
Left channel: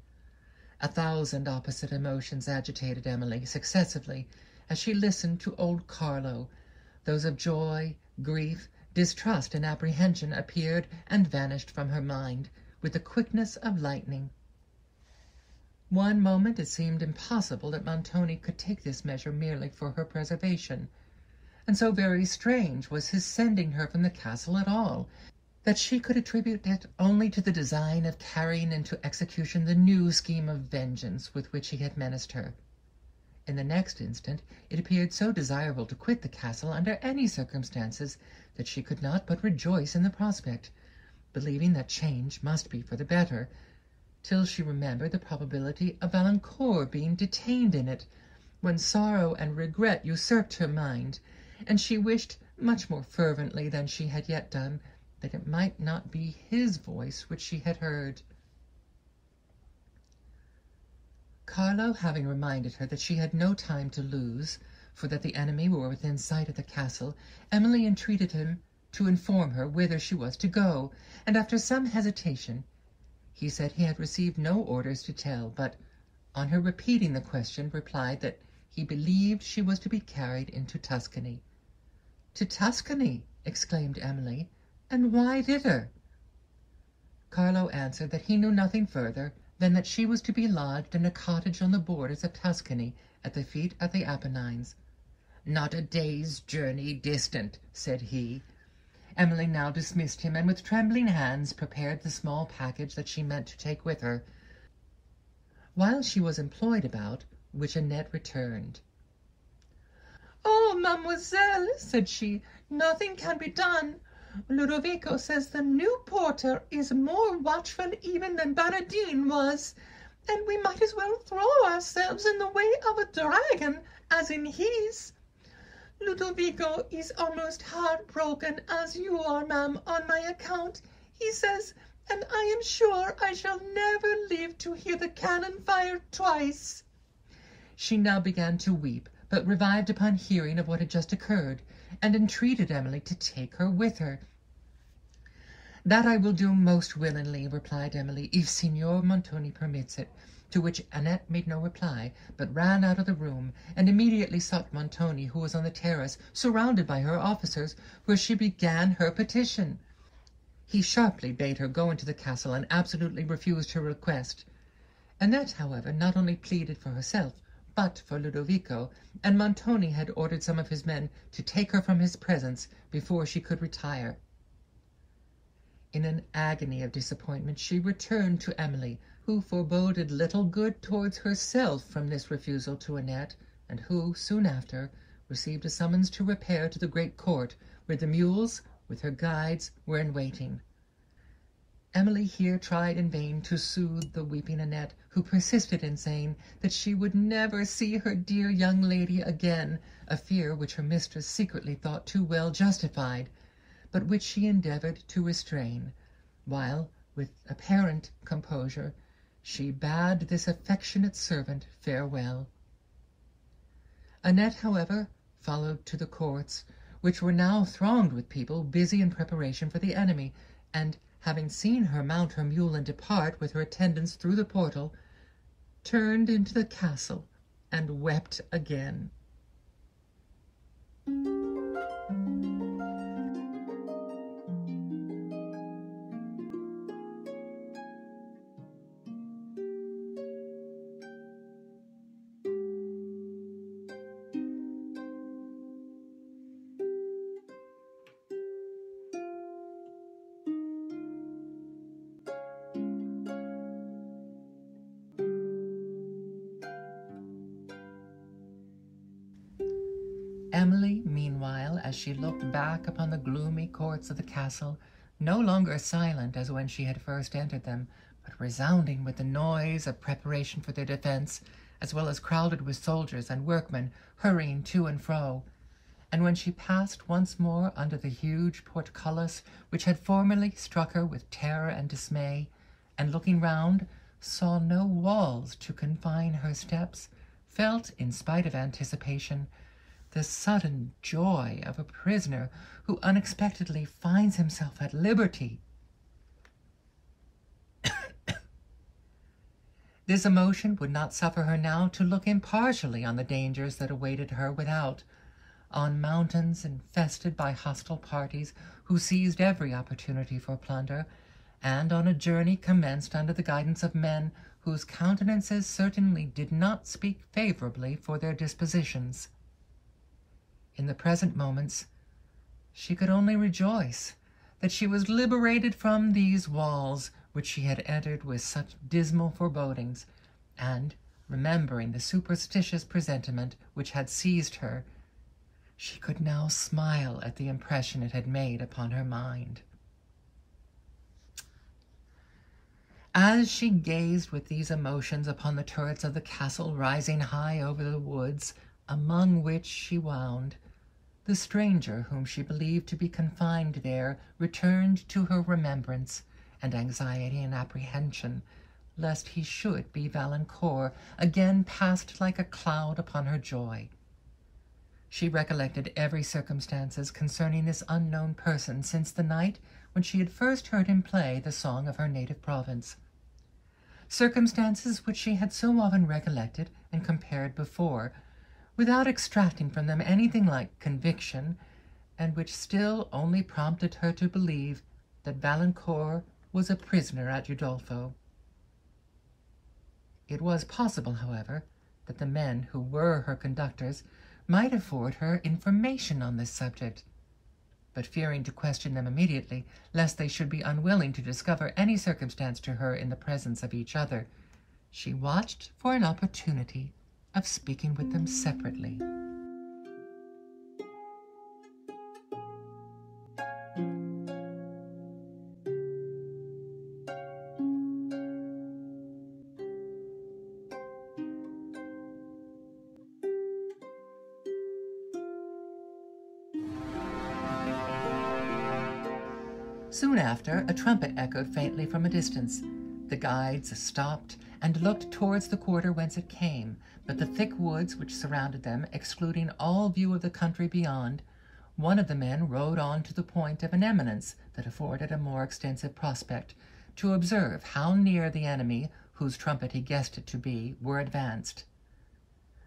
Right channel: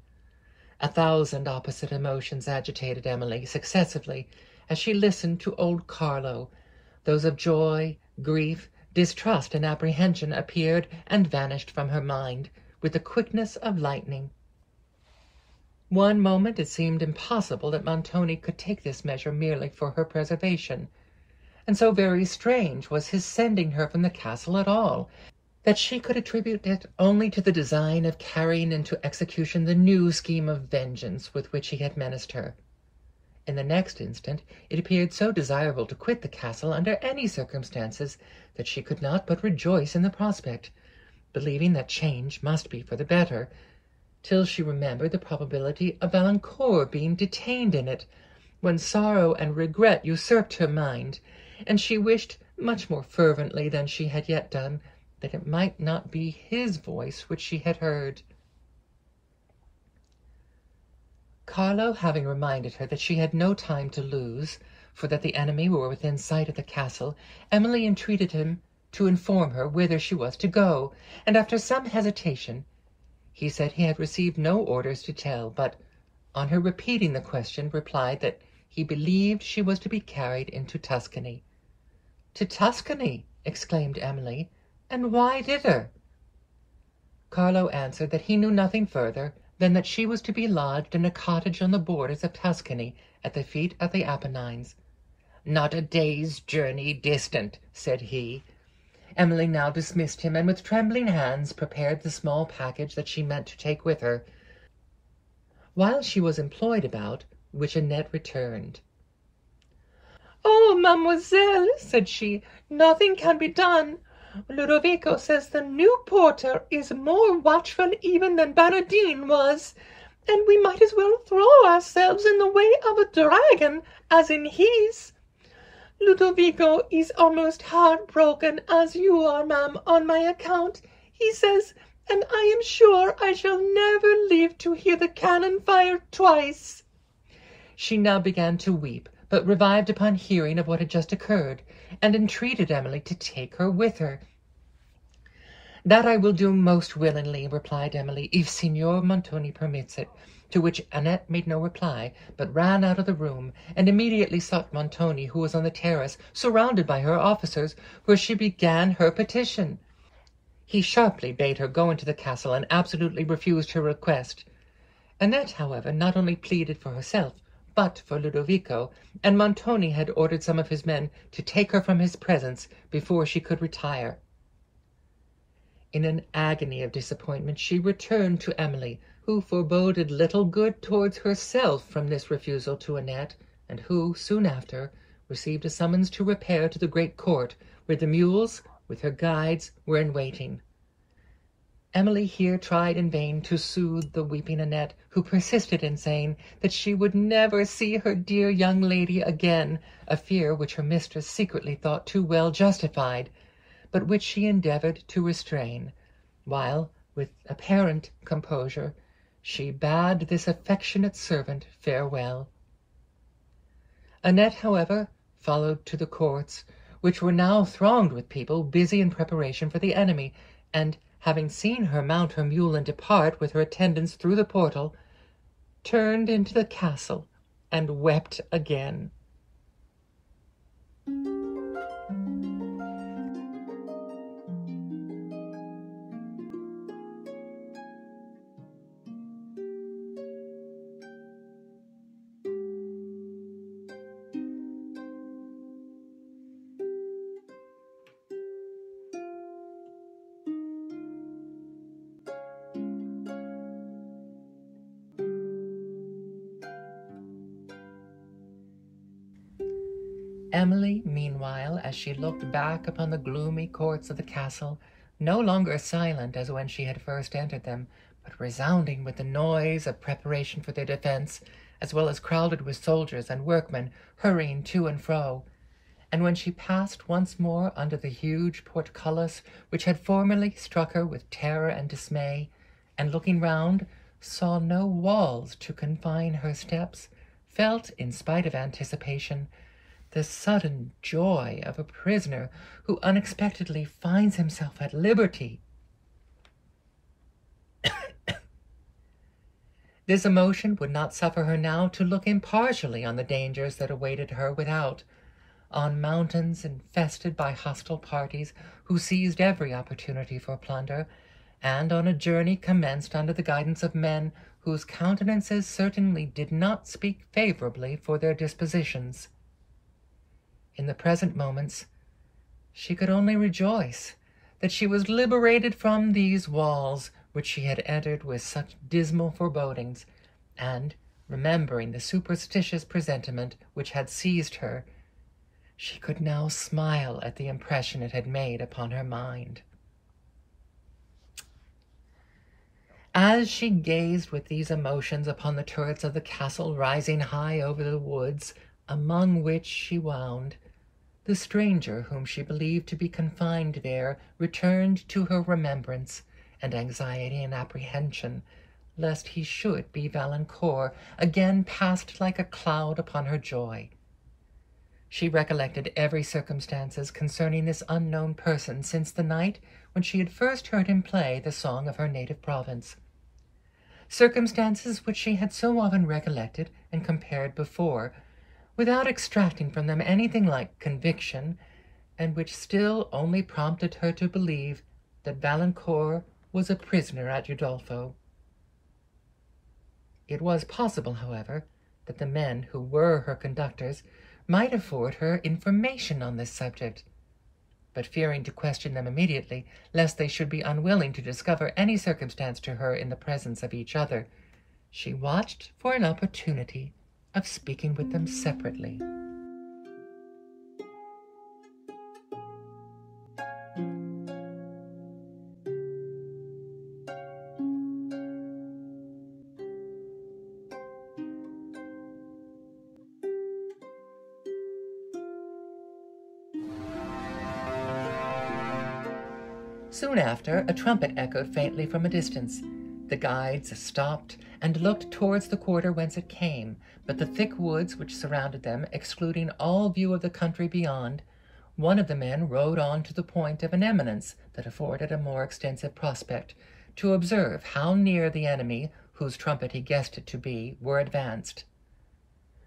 1,000 opposite emotions agitated Emily successively as she listened to old Carlo. Those of joy, grief, distrust, and apprehension appeared and vanished from her mind with the quickness of lightning. One moment it seemed impossible that Montoni could take this measure merely for her preservation, and so very strange was his sending her from the castle at all. that she could attribute it only to the design of carrying into execution the new scheme of vengeance with which he had menaced her. In the next instant it appeared so desirable to quit the castle under any circumstances that she could not but rejoice in the prospect, believing that change must be for the better, till she remembered the probability of Valancourt being detained in it, when sorrow and regret usurped her mind, and she wished much more fervently than she had yet done that it might not be his voice which she had heard. Carlo having reminded her that she had no time to lose, for that the enemy were within sight of the castle, Emily entreated him to inform her whither she was to go, and after some hesitation he said he had received no orders to tell, but, on her repeating the question, replied that he believed she was to be carried into Tuscany. "To Tuscany!" exclaimed Emily, "and why thither?" Carlo answered that he knew nothing further than that she was to be lodged in a cottage on the borders of Tuscany, at the feet of the Apennines. "Not a day's journey distant," said he. Emily now dismissed him, and with trembling hands prepared the small package that she meant to take with her. While she was employed about which Annette returned. "Oh, mademoiselle," said she, "nothing can be done. Ludovico says the new porter is more watchful even than Baradine was, and we might as well throw ourselves in the way of a dragon as in his. Ludovico is almost heartbroken, as you are, ma'am, on my account, he says, and I am sure I shall never live to hear the cannon fired twice." She now began to weep, but revived upon hearing of what had just occurred, and entreated Emily to take her with her. "That I will do most willingly," replied Emily, "if Signor Montoni permits it," to which Annette made no reply, but ran out of the room, and immediately sought Montoni, who was on the terrace, surrounded by her officers, where she began her petition. He sharply bade her go into the castle, and absolutely refused her request. Annette, however, not only pleaded for herself, but for Ludovico, and Montoni had ordered some of his men to take her from his presence before she could retire. In an agony of disappointment she returned to Emily, who foreboded little good towards herself from this refusal to Annette, and who, soon after, received a summons to repair to the great court, where the mules, with her guides, were in waiting. Emily here tried in vain to soothe the weeping Annette, who persisted in saying that she would never see her dear young lady again, a fear which her mistress secretly thought too well justified, but which she endeavoured to restrain, while, with apparent composure, she bade this affectionate servant farewell. Annette, however, followed to the courts, which were now thronged with people busy in preparation for the enemy, and, having seen her mount her mule and depart with her attendants through the portal, turned into the castle and wept again. Emily, meanwhile, as she looked back upon the gloomy courts of the castle, no longer silent as when she had first entered them, but resounding with the noise of preparation for their defence, as well as crowded with soldiers and workmen hurrying to and fro, and when she passed once more under the huge portcullis which had formerly struck her with terror and dismay, and looking round, saw no walls to confine her steps, felt, in spite of anticipation, the sudden joy of a prisoner who unexpectedly finds himself at liberty. This emotion would not suffer her now to look impartially on the dangers that awaited her without, on mountains infested by hostile parties who seized every opportunity for plunder, and on a journey commenced under the guidance of men whose countenances certainly did not speak favorably for their dispositions. In the present moments she could only rejoice that she was liberated from these walls which she had entered with such dismal forebodings, and, remembering the superstitious presentiment which had seized her, she could now smile at the impression it had made upon her mind. As she gazed with these emotions upon the turrets of the castle rising high over the woods among which she wound, the stranger whom she believed to be confined there returned to her remembrance, and anxiety and apprehension, lest he should be Valancourt, again passed like a cloud upon her joy. She recollected every circumstance concerning this unknown person since the night when she had first heard him play the song of her native province, circumstances which she had so often recollected and compared before, without extracting from them anything like conviction, and which still only prompted her to believe that Valancourt was a prisoner at Udolpho. It was possible, however, that the men who were her conductors might afford her information on this subject, but fearing to question them immediately, lest they should be unwilling to discover any circumstance to her in the presence of each other, she watched for an opportunity of speaking with them separately. Soon after, a trumpet echoed faintly from a distance. The guides stopped and looked towards the quarter whence it came, but the thick woods which surrounded them excluding all view of the country beyond, one of the men rode on to the point of an eminence that afforded a more extensive prospect, to observe how near the enemy, whose trumpet he guessed it to be, were advanced.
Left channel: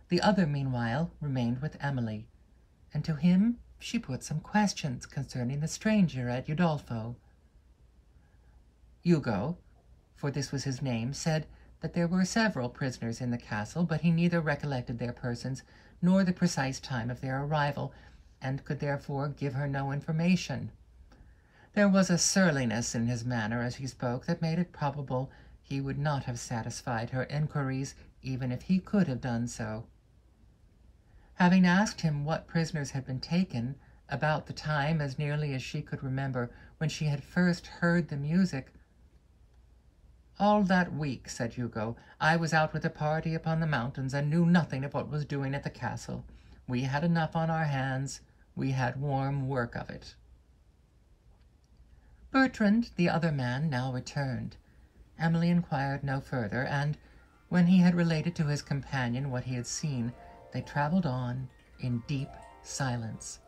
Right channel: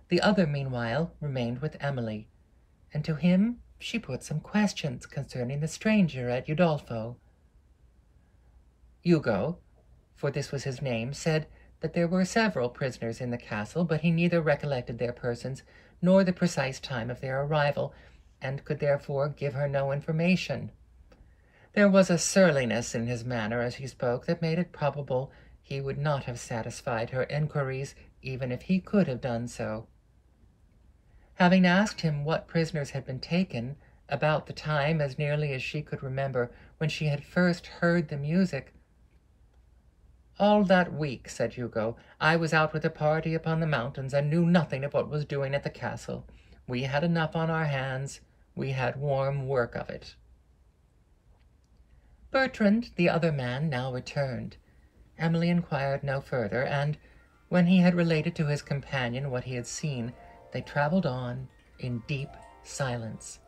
The other, meanwhile, remained with Emily, and to him she put some questions concerning the stranger at Udolpho. Hugo, for this was his name, said that there were several prisoners in the castle, but he neither recollected their persons nor the precise time of their arrival, and could therefore give her no information. There was a surliness in his manner as he spoke that made it probable he would not have satisfied her enquiries even if he could have done so. Having asked him what prisoners had been taken, about the time, as nearly as she could remember, when she had first heard the music, "All that week," said Hugo, "I was out with a party upon the mountains, and knew nothing of what was doing at the castle. We had enough on our hands. We had warm work of it." Bertrand, the other man, now returned. Emily inquired no further, and, when he had related to his companion what he had seen, they travelled on in deep silence.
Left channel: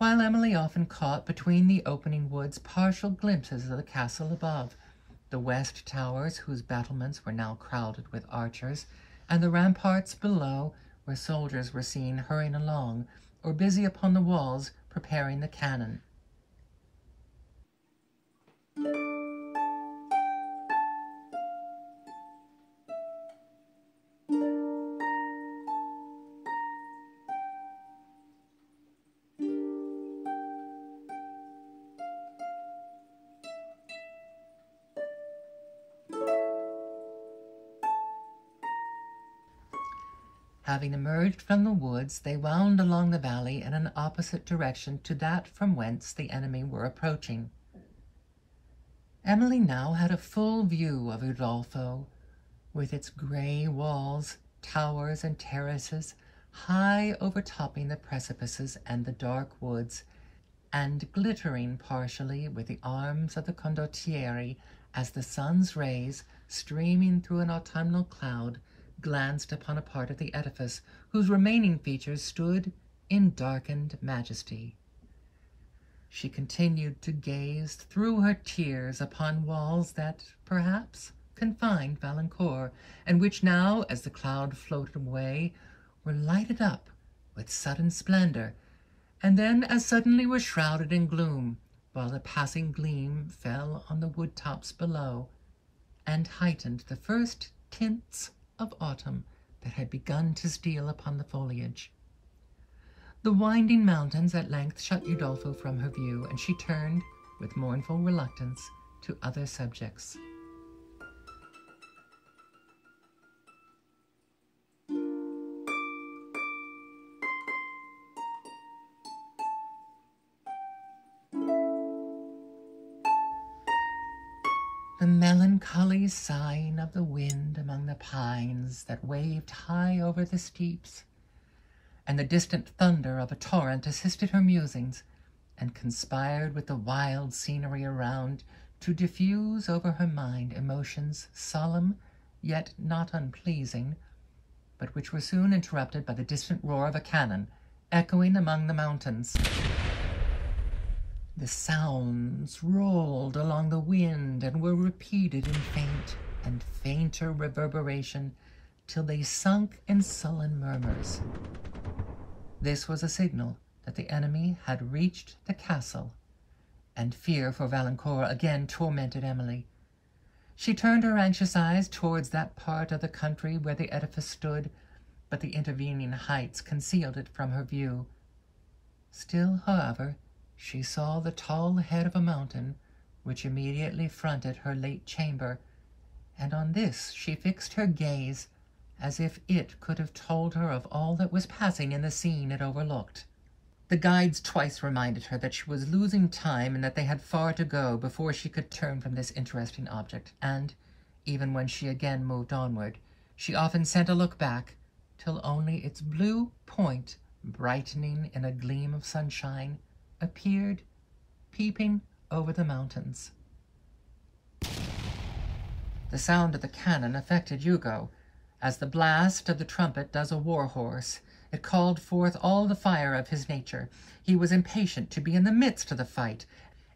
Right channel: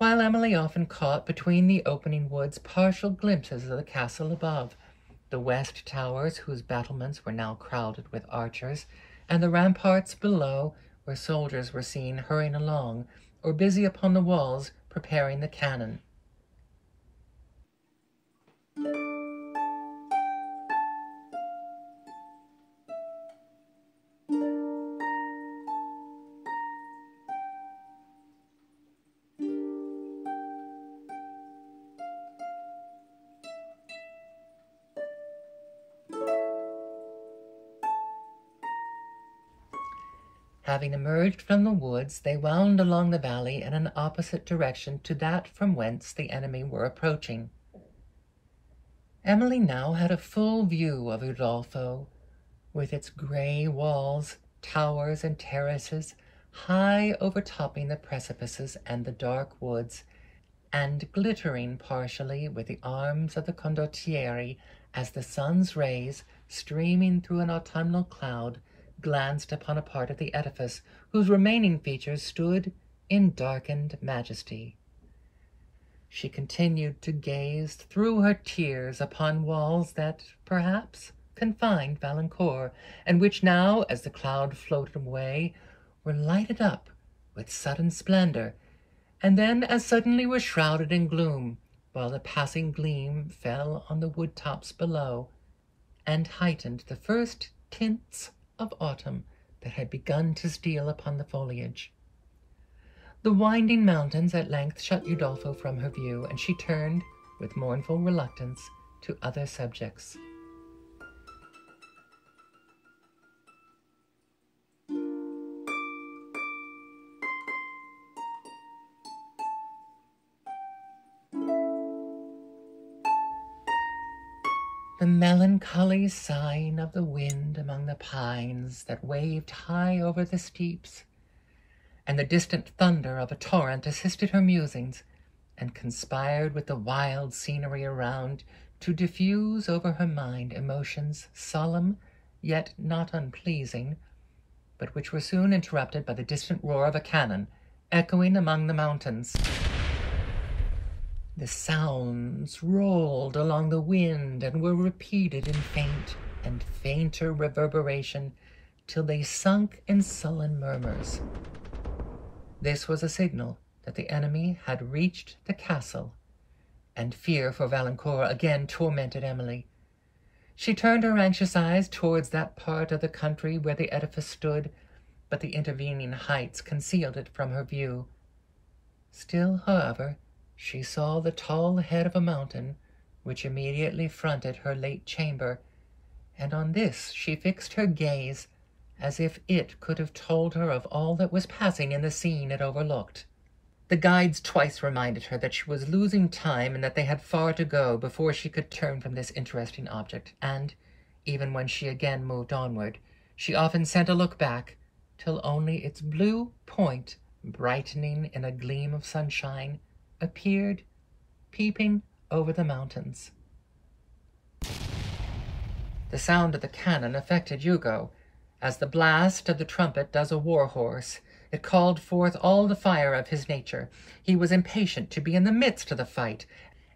While Emily often caught between the opening woods partial glimpses of the castle above, the west towers whose battlements were now crowded with archers, and the ramparts below where soldiers were seen hurrying along, or busy upon the walls preparing the cannon. Having emerged from the woods, they wound along the valley in an opposite direction to that from whence the enemy were approaching. Emily now had a full view of Udolpho, with its grey walls, towers, and terraces, high overtopping the precipices and the dark woods, and glittering partially with the arms of the condottieri as the sun's rays, streaming through an autumnal cloud, glanced upon a part of the edifice whose remaining features stood in darkened majesty. She continued to gaze through her tears upon walls that, perhaps, confined Valancourt, and which now, as the cloud floated away, were lighted up with sudden splendor, and then as suddenly were shrouded in gloom, while the passing gleam fell on the wood-tops below, and heightened the first tints of autumn that had begun to steal upon the foliage. The winding mountains at length shut Udolpho from her view, and she turned, with mournful reluctance, to other subjects. The melancholy sighing of the wind among the pines that waved high over the steeps, and the distant thunder of a torrent assisted her musings, and conspired with the wild scenery around to diffuse over her mind emotions solemn, yet not unpleasing, but which were soon interrupted by the distant roar of a cannon, echoing among the mountains. The sounds rolled along the wind and were repeated in faint and fainter reverberation till they sunk in sullen murmurs. This was a signal that the enemy had reached the castle, and fear for Valancourt again tormented Emily. She turned her anxious eyes towards that part of the country where the edifice stood, but the intervening heights concealed it from her view. Still, however, she saw the tall head of a mountain which immediately fronted her late chamber, and on this she fixed her gaze, as if it could have told her of all that was passing in the scene it overlooked. The guides twice reminded her that she was losing time and that they had far to go before she could turn from this interesting object, and, even when she again moved onward, she often sent a look back, till only its blue point, brightening in a gleam of sunshine, appeared peeping over the mountains. The sound of the cannon affected Hugo, as the blast of the trumpet does a war horse. It called forth all the fire of his nature. He was impatient to be in the midst of the fight,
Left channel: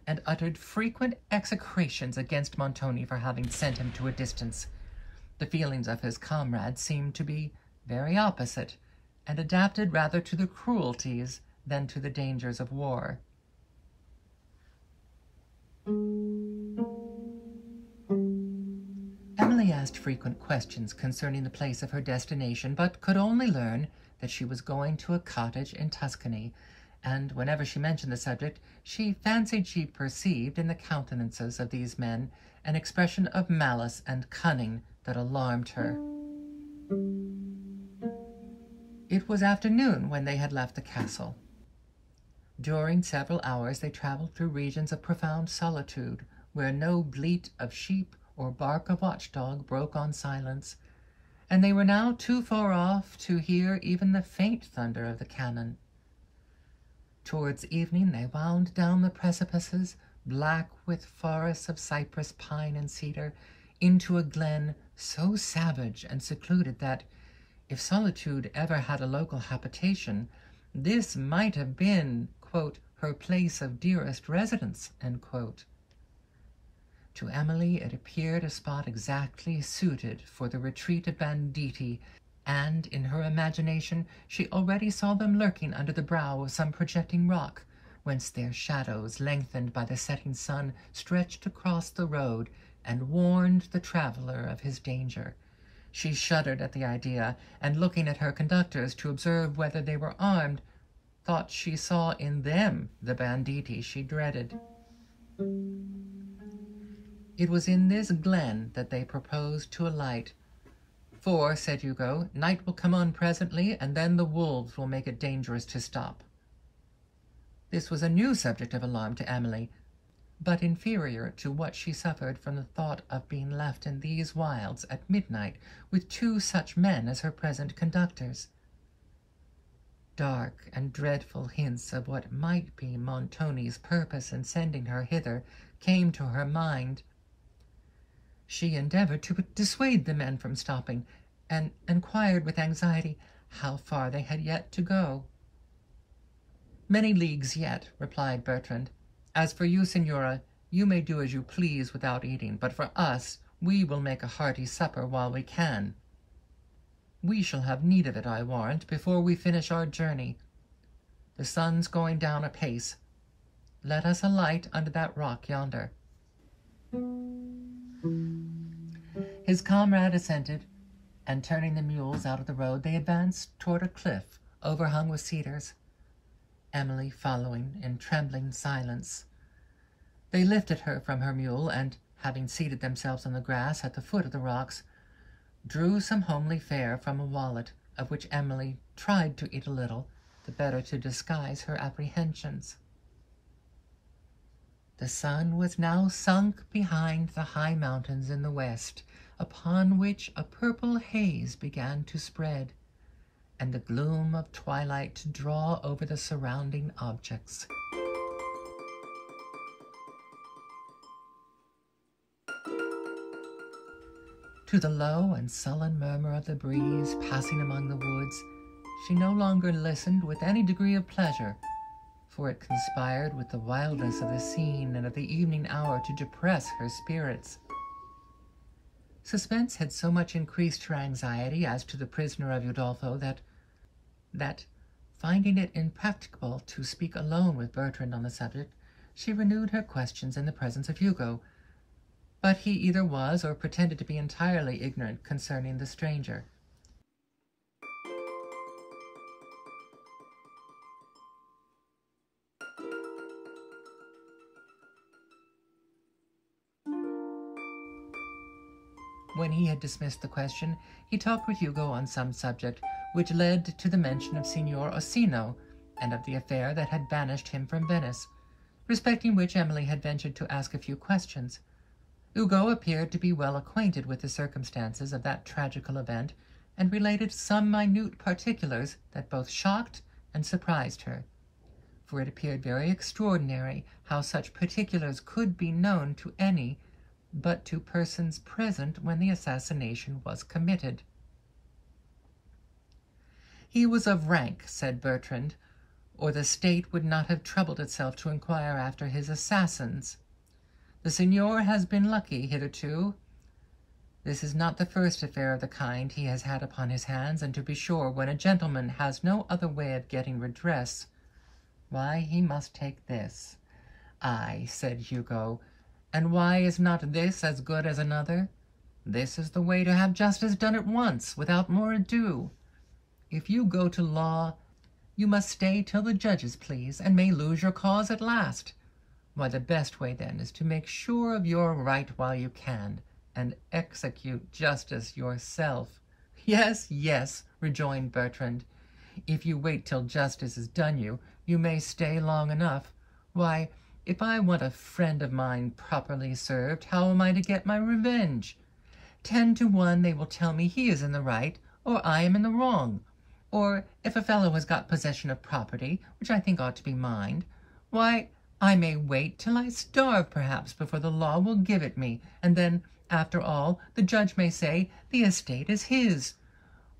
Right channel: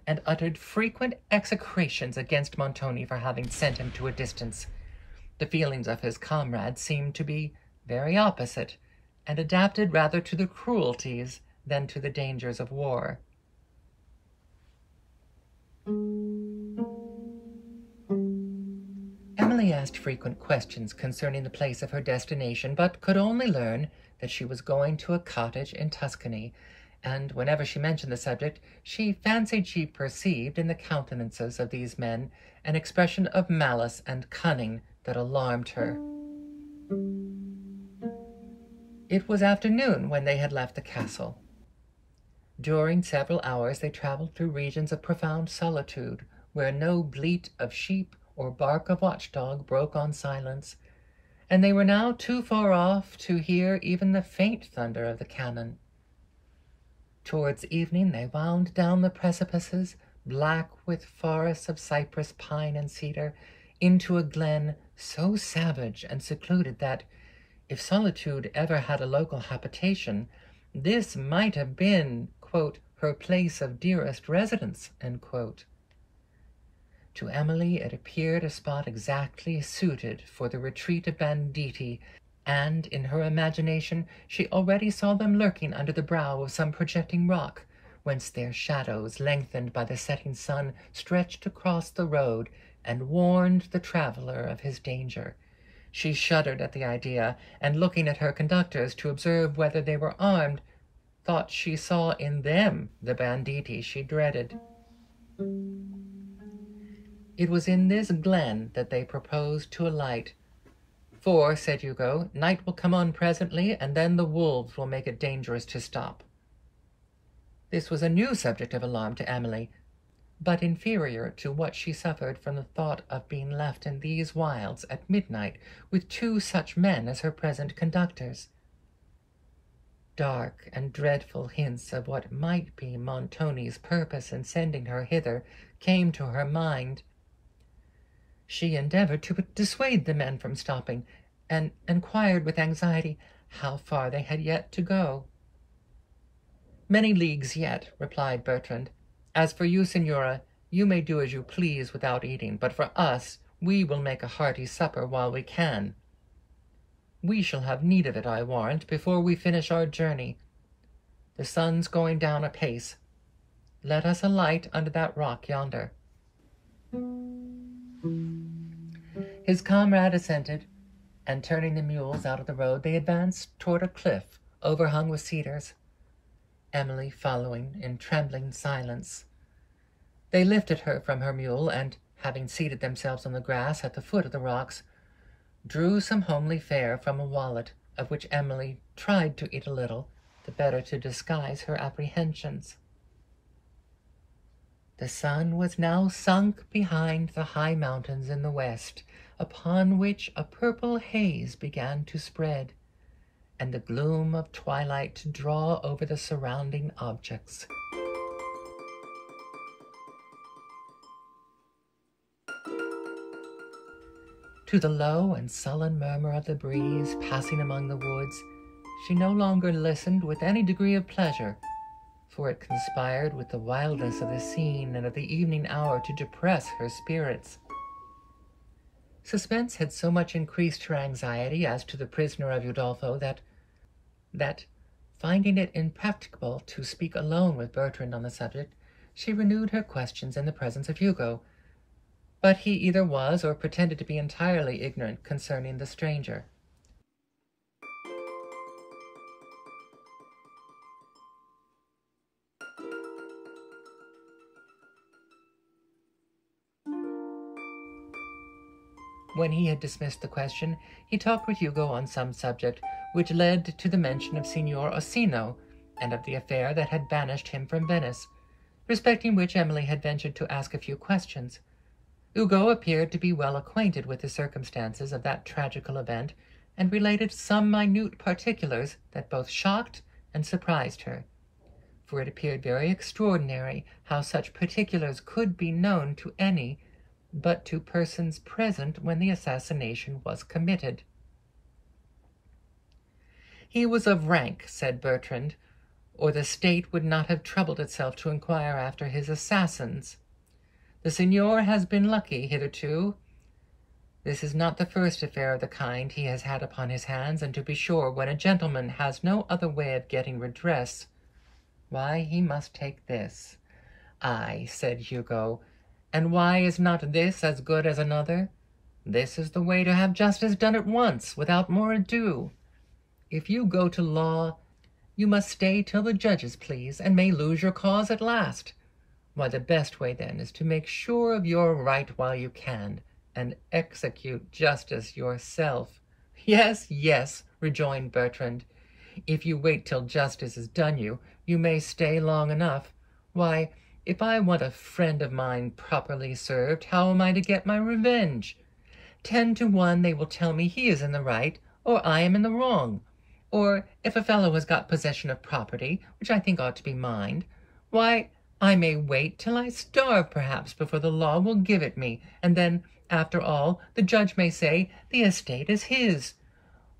and uttered frequent execrations against Montoni for having sent him to a distance. The feelings of his comrades seemed to be very opposite, and adapted rather to the cruelties than to the dangers of war. Emily asked frequent questions concerning the place of her destination, but could only learn that she was going to a cottage in Tuscany, and whenever she mentioned the subject, she fancied she perceived in the countenances of these men an expression of malice and cunning that alarmed her. It was afternoon when they had left the castle. During several hours they travelled through regions of profound solitude, where no bleat of sheep or bark of watchdog broke on silence, and they were now too far off to hear even the faint thunder of the cannon. Towards evening they wound down the precipices, black with forests of cypress, pine, and cedar, into a glen so savage and secluded that, if solitude ever had a local habitation, this might have been, quote, her place of dearest residence, end quote. To Emily it appeared a spot exactly suited for the retreat of banditti, and in her imagination she already saw them lurking under the brow of some projecting rock, whence their shadows, lengthened by the setting sun, stretched across the road and warned the traveller of his danger. She shuddered at the idea, and looking at her conductors to observe whether they were armed, thought she saw in them the banditti she dreaded. It was in this glen that they proposed to alight, for, said Hugo, night will come on presently, and then the wolves will make it dangerous to stop. This was a new subject of alarm to Emily, but inferior to what she suffered from the thought of being left in these wilds at midnight with two such men as her present conductors. Dark and dreadful hints of what might be Montoni's purpose in sending her hither came to her mind. She endeavored to dissuade the men from stopping, and inquired with anxiety how far they had yet to go. "Many leagues yet," replied Bertrand. "As for you, Signora, you may do as you please without eating, but for us We will make a hearty supper while we can. We shall have need of it, I warrant, before we finish our journey. The sun's going down apace. Let us alight under that rock yonder." His comrade assented, and turning the mules out of the road, they advanced toward a cliff overhung with cedars, Emily following in trembling silence. They lifted her from her mule, and, having seated themselves on the grass at the foot of the rocks, drew some homely fare from a wallet, of which Emily tried to eat a little, the better to disguise her apprehensions. The sun was now sunk behind the high mountains in the west, upon which a purple haze began to spread, and the gloom of twilight to draw over the surrounding objects. To the low and sullen murmur of the breeze passing among the woods, she no longer listened with any degree of pleasure, for it conspired with the wildness of the scene and of the evening hour to depress her spirits. Suspense had so much increased her anxiety as to the prisoner of Udolpho that, finding it impracticable to speak alone with Bertrand on the subject, she renewed her questions in the presence of Hugo, but he either was or pretended to be entirely ignorant concerning the stranger. When he had dismissed the question, he talked with Hugo on some subject which led to the mention of Signor Orsino and of the affair that had banished him from Venice, respecting which Emily had ventured to ask a few questions. Hugo appeared to be well acquainted with the circumstances of that tragical event, and related some minute particulars that both shocked and surprised her, for it appeared very extraordinary how such particulars could be known to any but to persons present when the assassination was committed. He was of rank, said Bertrand, or the state would not have troubled itself to inquire after his assassins. The signor has been lucky hitherto. This is not the first affair of the kind he has had upon his hands, and to be sure, when a gentleman has no other way of getting redress, why, he must take this. Ay, said Hugo, and why is not this as good as another? This is the way to have justice done at once, without more ado. If you go to law, you must stay till the judges please, and may lose your cause at last. Why, the best way, then, is to make sure of your right while you can, and execute justice yourself. Yes, yes, rejoined Bertrand. If you wait till justice is done you, you may stay long enough. Why, if I want a friend of mine properly served, how am I to get my revenge? 10 to 1 they will tell me he is in the right, or I am in the wrong. Or if a fellow has got possession of property, which I think ought to be mine, why, I may wait till I starve, perhaps, before the law will give it me, and then, after all, the judge may say the estate is his.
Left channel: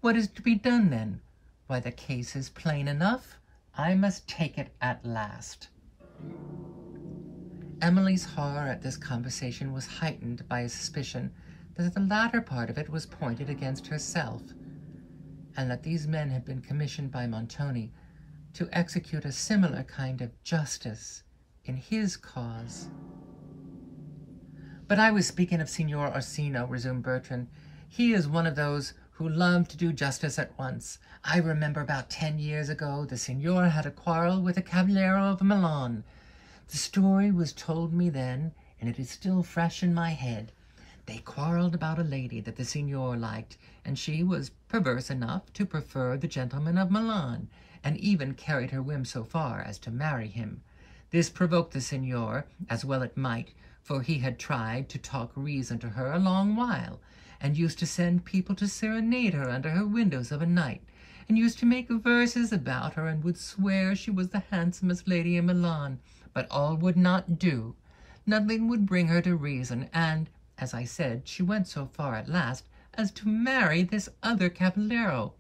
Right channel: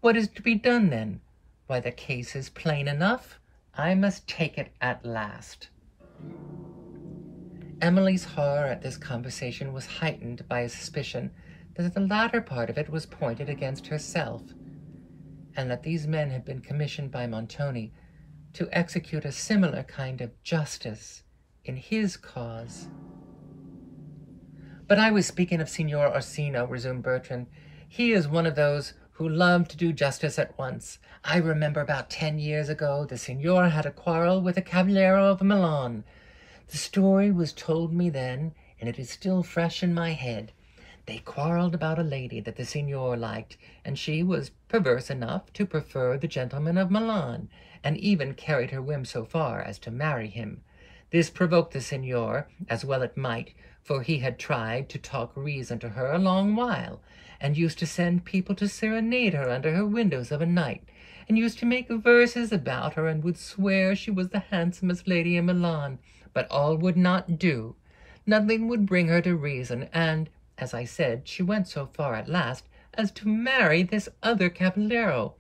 What is to be done, then? Why, the case is plain enough. I must take it at last. Emily's horror at this conversation was heightened by a suspicion that the latter part of it was pointed against herself, and that these men had been commissioned by Montoni to execute a similar kind of justice in his cause. But I was speaking of Signor Orsino, resumed Bertrand. He is one of those who love to do justice at once. I remember about 10 years ago the signor had a quarrel with a cavaliero of Milan. The story was told me then, and it is still fresh in my head. They quarreled about a lady that the signor liked, and she was perverse enough to prefer the gentleman of Milan, and even carried her whim so far as to marry him. This provoked the signor, as well it might, for he had tried to talk reason to her a long while, and used to send people to serenade her under her windows of a night, and used to make verses about her, and would swear she was the handsomest lady in Milan. But all would not do. Nothing would bring her to reason, and, as I said, she went so far at last as to marry this other cavaliero.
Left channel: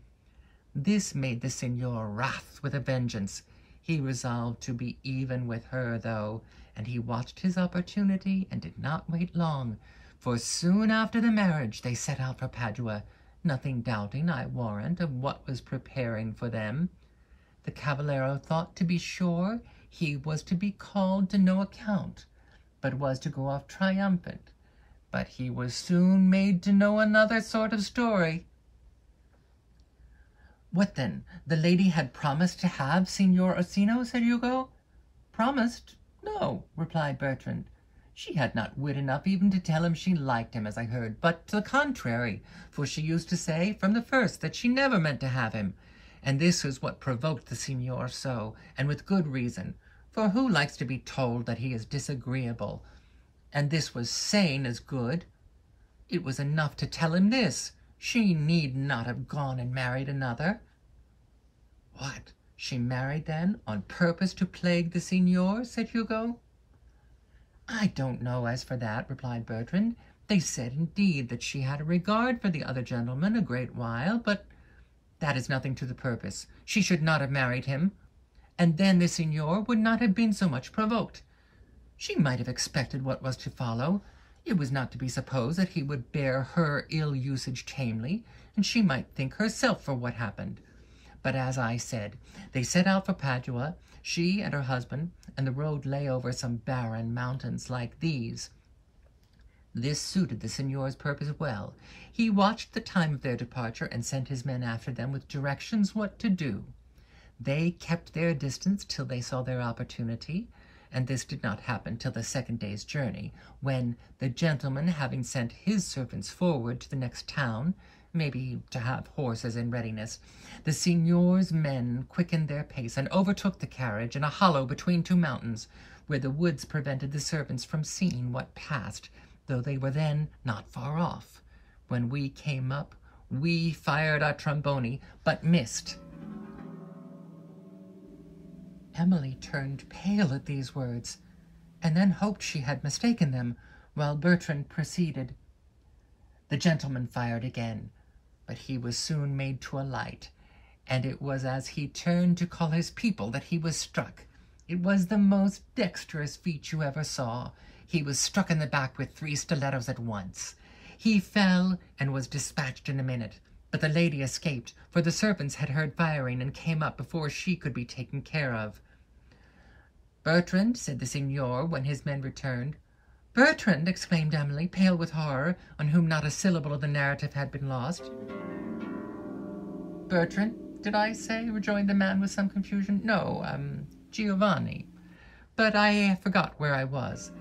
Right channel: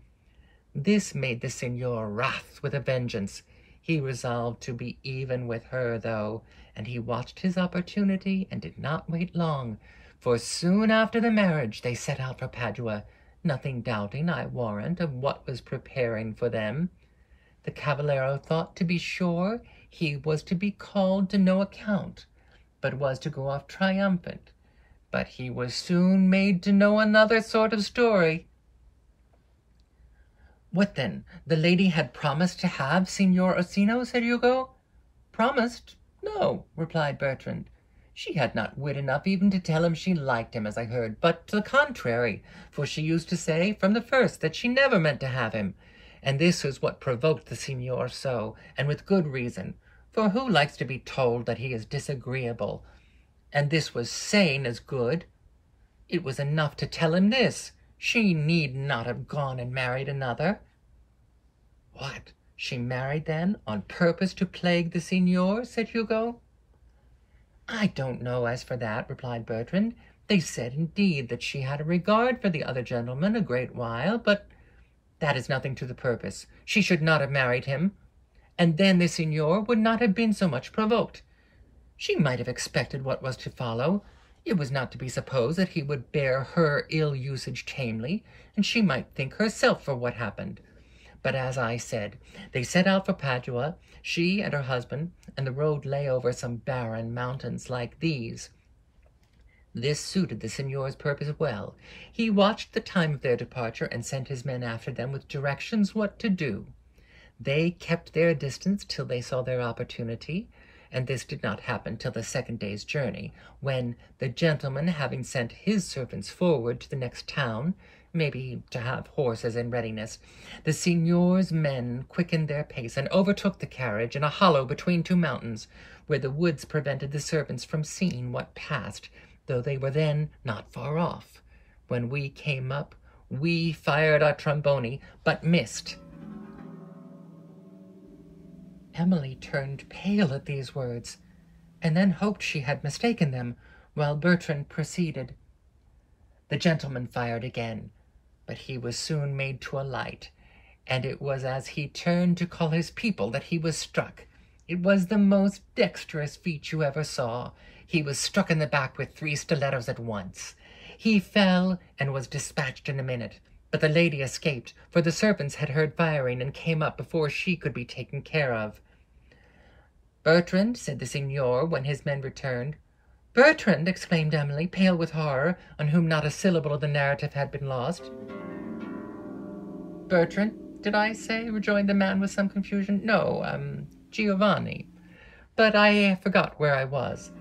This made the signor wrath with a vengeance. He resolved to be even with her, though, and he watched his opportunity and did not wait long, for soon after the marriage they set out for Padua, nothing doubting, I warrant, of what was preparing for them. The cavaliero thought, to be sure, he was to be called to no account, but was to go off triumphant. But he was soon made to know another sort of story. What then? The lady had promised to have Signor Orsino, said Hugo. Promised? No, replied Bertrand. She had not wit enough even to tell him she liked him, as I heard, but to the contrary, for she used to say from the first that she never meant to have him, and this was what provoked the signor so, and with good reason, for who likes to be told that he is disagreeable? And this was sane as good. It was enough to tell him this. She need not have gone and married another. What? She married, then, on purpose to plague the signor? Said Hugo. I don't know as for that, replied Bertrand. They said, indeed, that she had a regard for the other gentleman a great while, but that is nothing to the purpose. She should not have married him, and then the signor would not have been so much provoked. She might have expected what was to follow. It was not to be supposed that he would bear her ill usage tamely, and she might think herself for what happened. But as I said, they set out for Padua, she and her husband, and the road lay over some barren mountains like these. This suited the signor's purpose well. He watched the time of their departure and sent his men after them with directions what to do. They kept their distance till they saw their opportunity, and this did not happen till the second day's journey, when, the gentleman having sent his servants forward to the next town, maybe to have horses in readiness, the signor's men quickened their pace and overtook the carriage in a hollow between two mountains, where the woods prevented the servants from seeing what passed, though they were then not far off. When we came up, we fired our tromboni, but missed. Emily turned pale at these words, and then hoped she had mistaken them, while Bertrand proceeded. The gentleman fired again, but he was soon made to alight, and it was as he turned to call his people that he was struck. It was the most dexterous feat you ever saw. He was struck in the back with 3 stilettos at once. He fell and was dispatched in a minute, but the lady escaped, for the servants had heard firing and came up before she could be taken care of. Bertrand, said the signor, when his men returned. Bertrand, exclaimed Emily, pale with horror, on whom not a syllable of the narrative had been lost. Bertrand, did I say? Rejoined the man with some confusion. No, Giovanni. But I forgot where I was.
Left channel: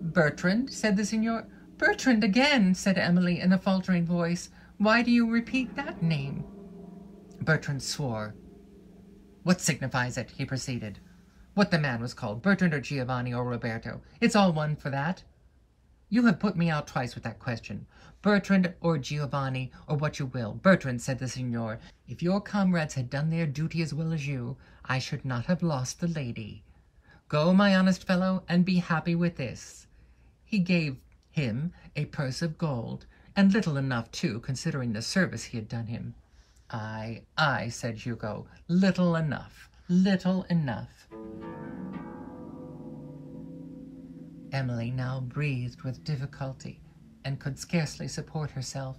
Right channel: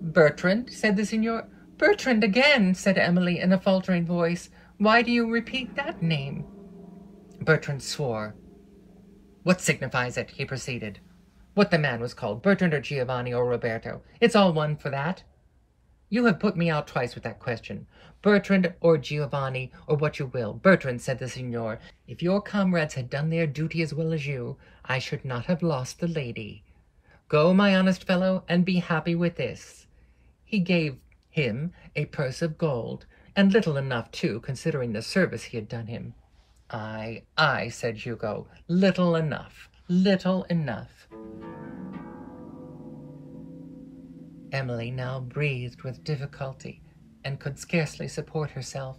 Bertrand, said the signor. Bertrand again, said Emily in a faltering voice. Why do you repeat that name? Bertrand swore. What signifies it? He proceeded. What the man was called, Bertrand or Giovanni or Roberto. It's all one for that. You have put me out twice with that question. Bertrand or Giovanni, or what you will. Bertrand, said the signor. If your comrades had done their duty as well as you, I should not have lost the lady. Go, my honest fellow, and be happy with this. He gave him a purse of gold, and little enough, too, considering the service he had done him. Aye, said Hugo, little enough, little enough. Emily now breathed with difficulty, and could scarcely support herself.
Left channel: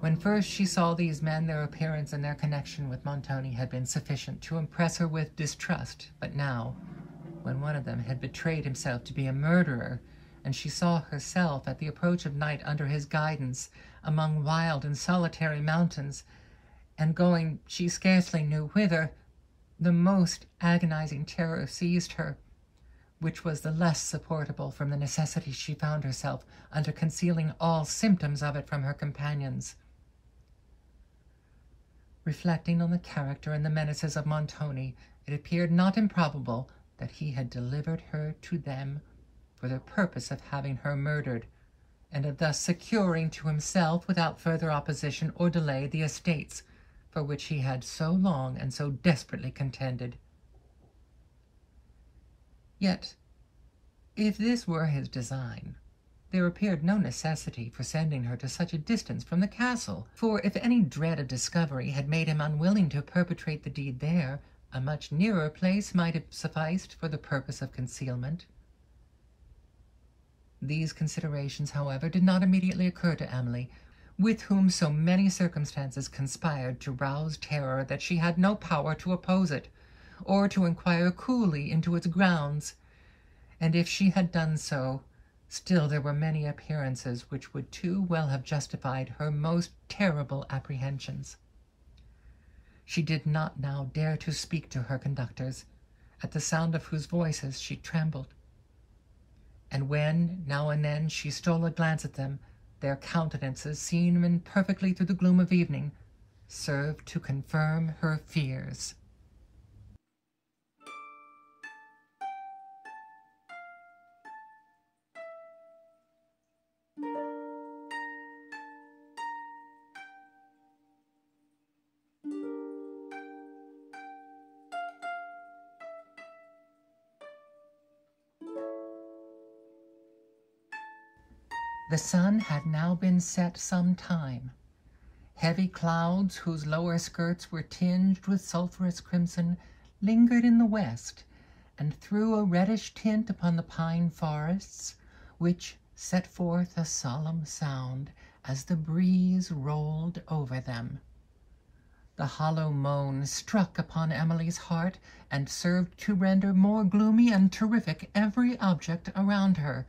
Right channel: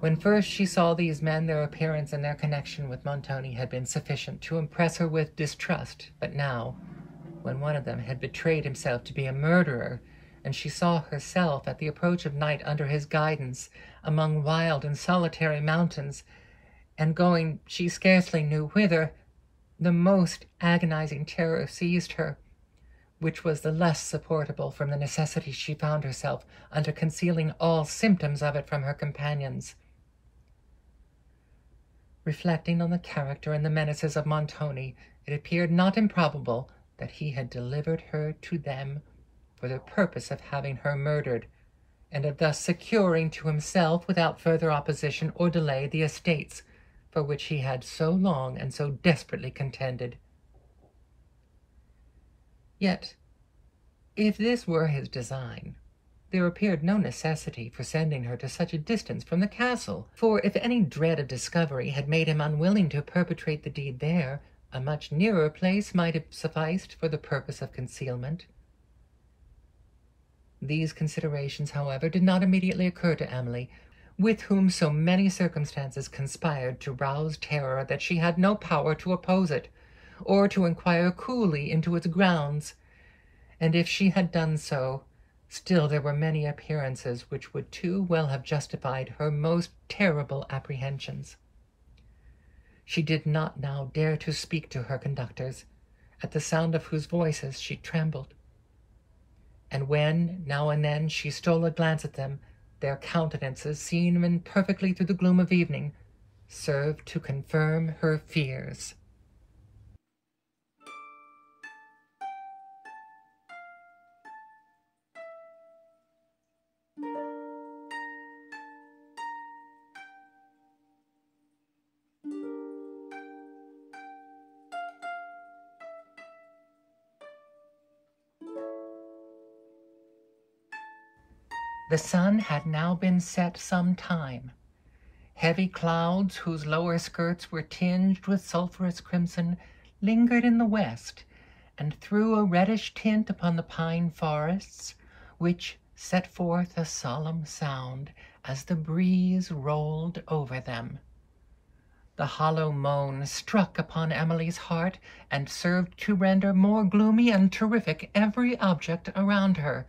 When first she saw these men, their appearance and their connection with Montoni had been sufficient to impress her with distrust, but now, when one of them had betrayed himself to be a murderer, and she saw herself at the approach of night under his guidance among wild and solitary mountains, and going she scarcely knew whither, the most agonizing terror seized her, which was the less supportable from the necessity she found herself under concealing all symptoms of it from her companions. Reflecting on the character and the menaces of Montoni, it appeared not improbable that he had delivered her to them for the purpose of having her murdered, and of thus securing to himself, without further opposition or delay, the estates for which he had so long and so desperately contended. Yet, if this were his design, there appeared no necessity for sending her to such a distance from the castle, for if any dread of discovery had made him unwilling to perpetrate the deed there, a much nearer place might have sufficed for the purpose of concealment. These considerations, however, did not immediately occur to Emily, with whom so many circumstances conspired to rouse terror that she had no power to oppose it, or to inquire coolly into its grounds. And if she had done so, still there were many appearances which would too well have justified her most terrible apprehensions. She did not now dare to speak to her conductors, at the sound of whose voices she trembled. And when, now and then, she stole a glance at them, their countenances, seen imperfectly through the gloom of evening, served to confirm her fears. The sun had now been set some time. Heavy clouds, whose lower skirts were tinged with sulphurous crimson, lingered in the west, and threw a reddish tint upon the pine forests, which set forth a solemn sound as the breeze rolled over them. The hollow moan struck upon Emily's heart, and served to render more gloomy and terrific every object around her,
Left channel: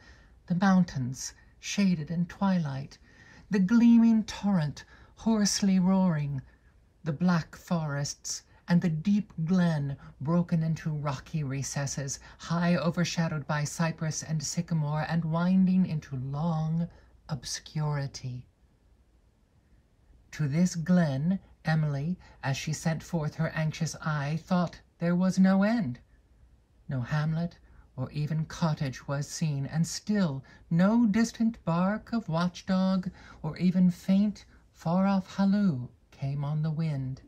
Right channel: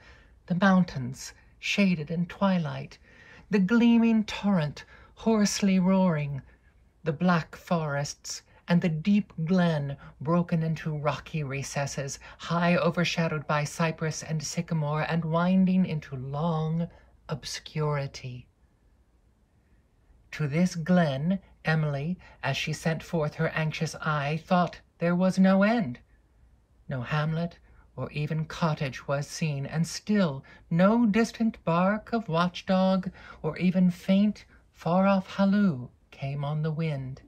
the mountains, shaded in twilight, the gleaming torrent, hoarsely roaring, the black forests, and the deep glen broken into rocky recesses, high overshadowed by cypress and sycamore, and winding into long obscurity. To this glen Emily, as she sent forth her anxious eye, thought there was no end. No hamlet or even cottage was seen, and still no distant bark of watchdog or even faint, far-off halloo came on the wind.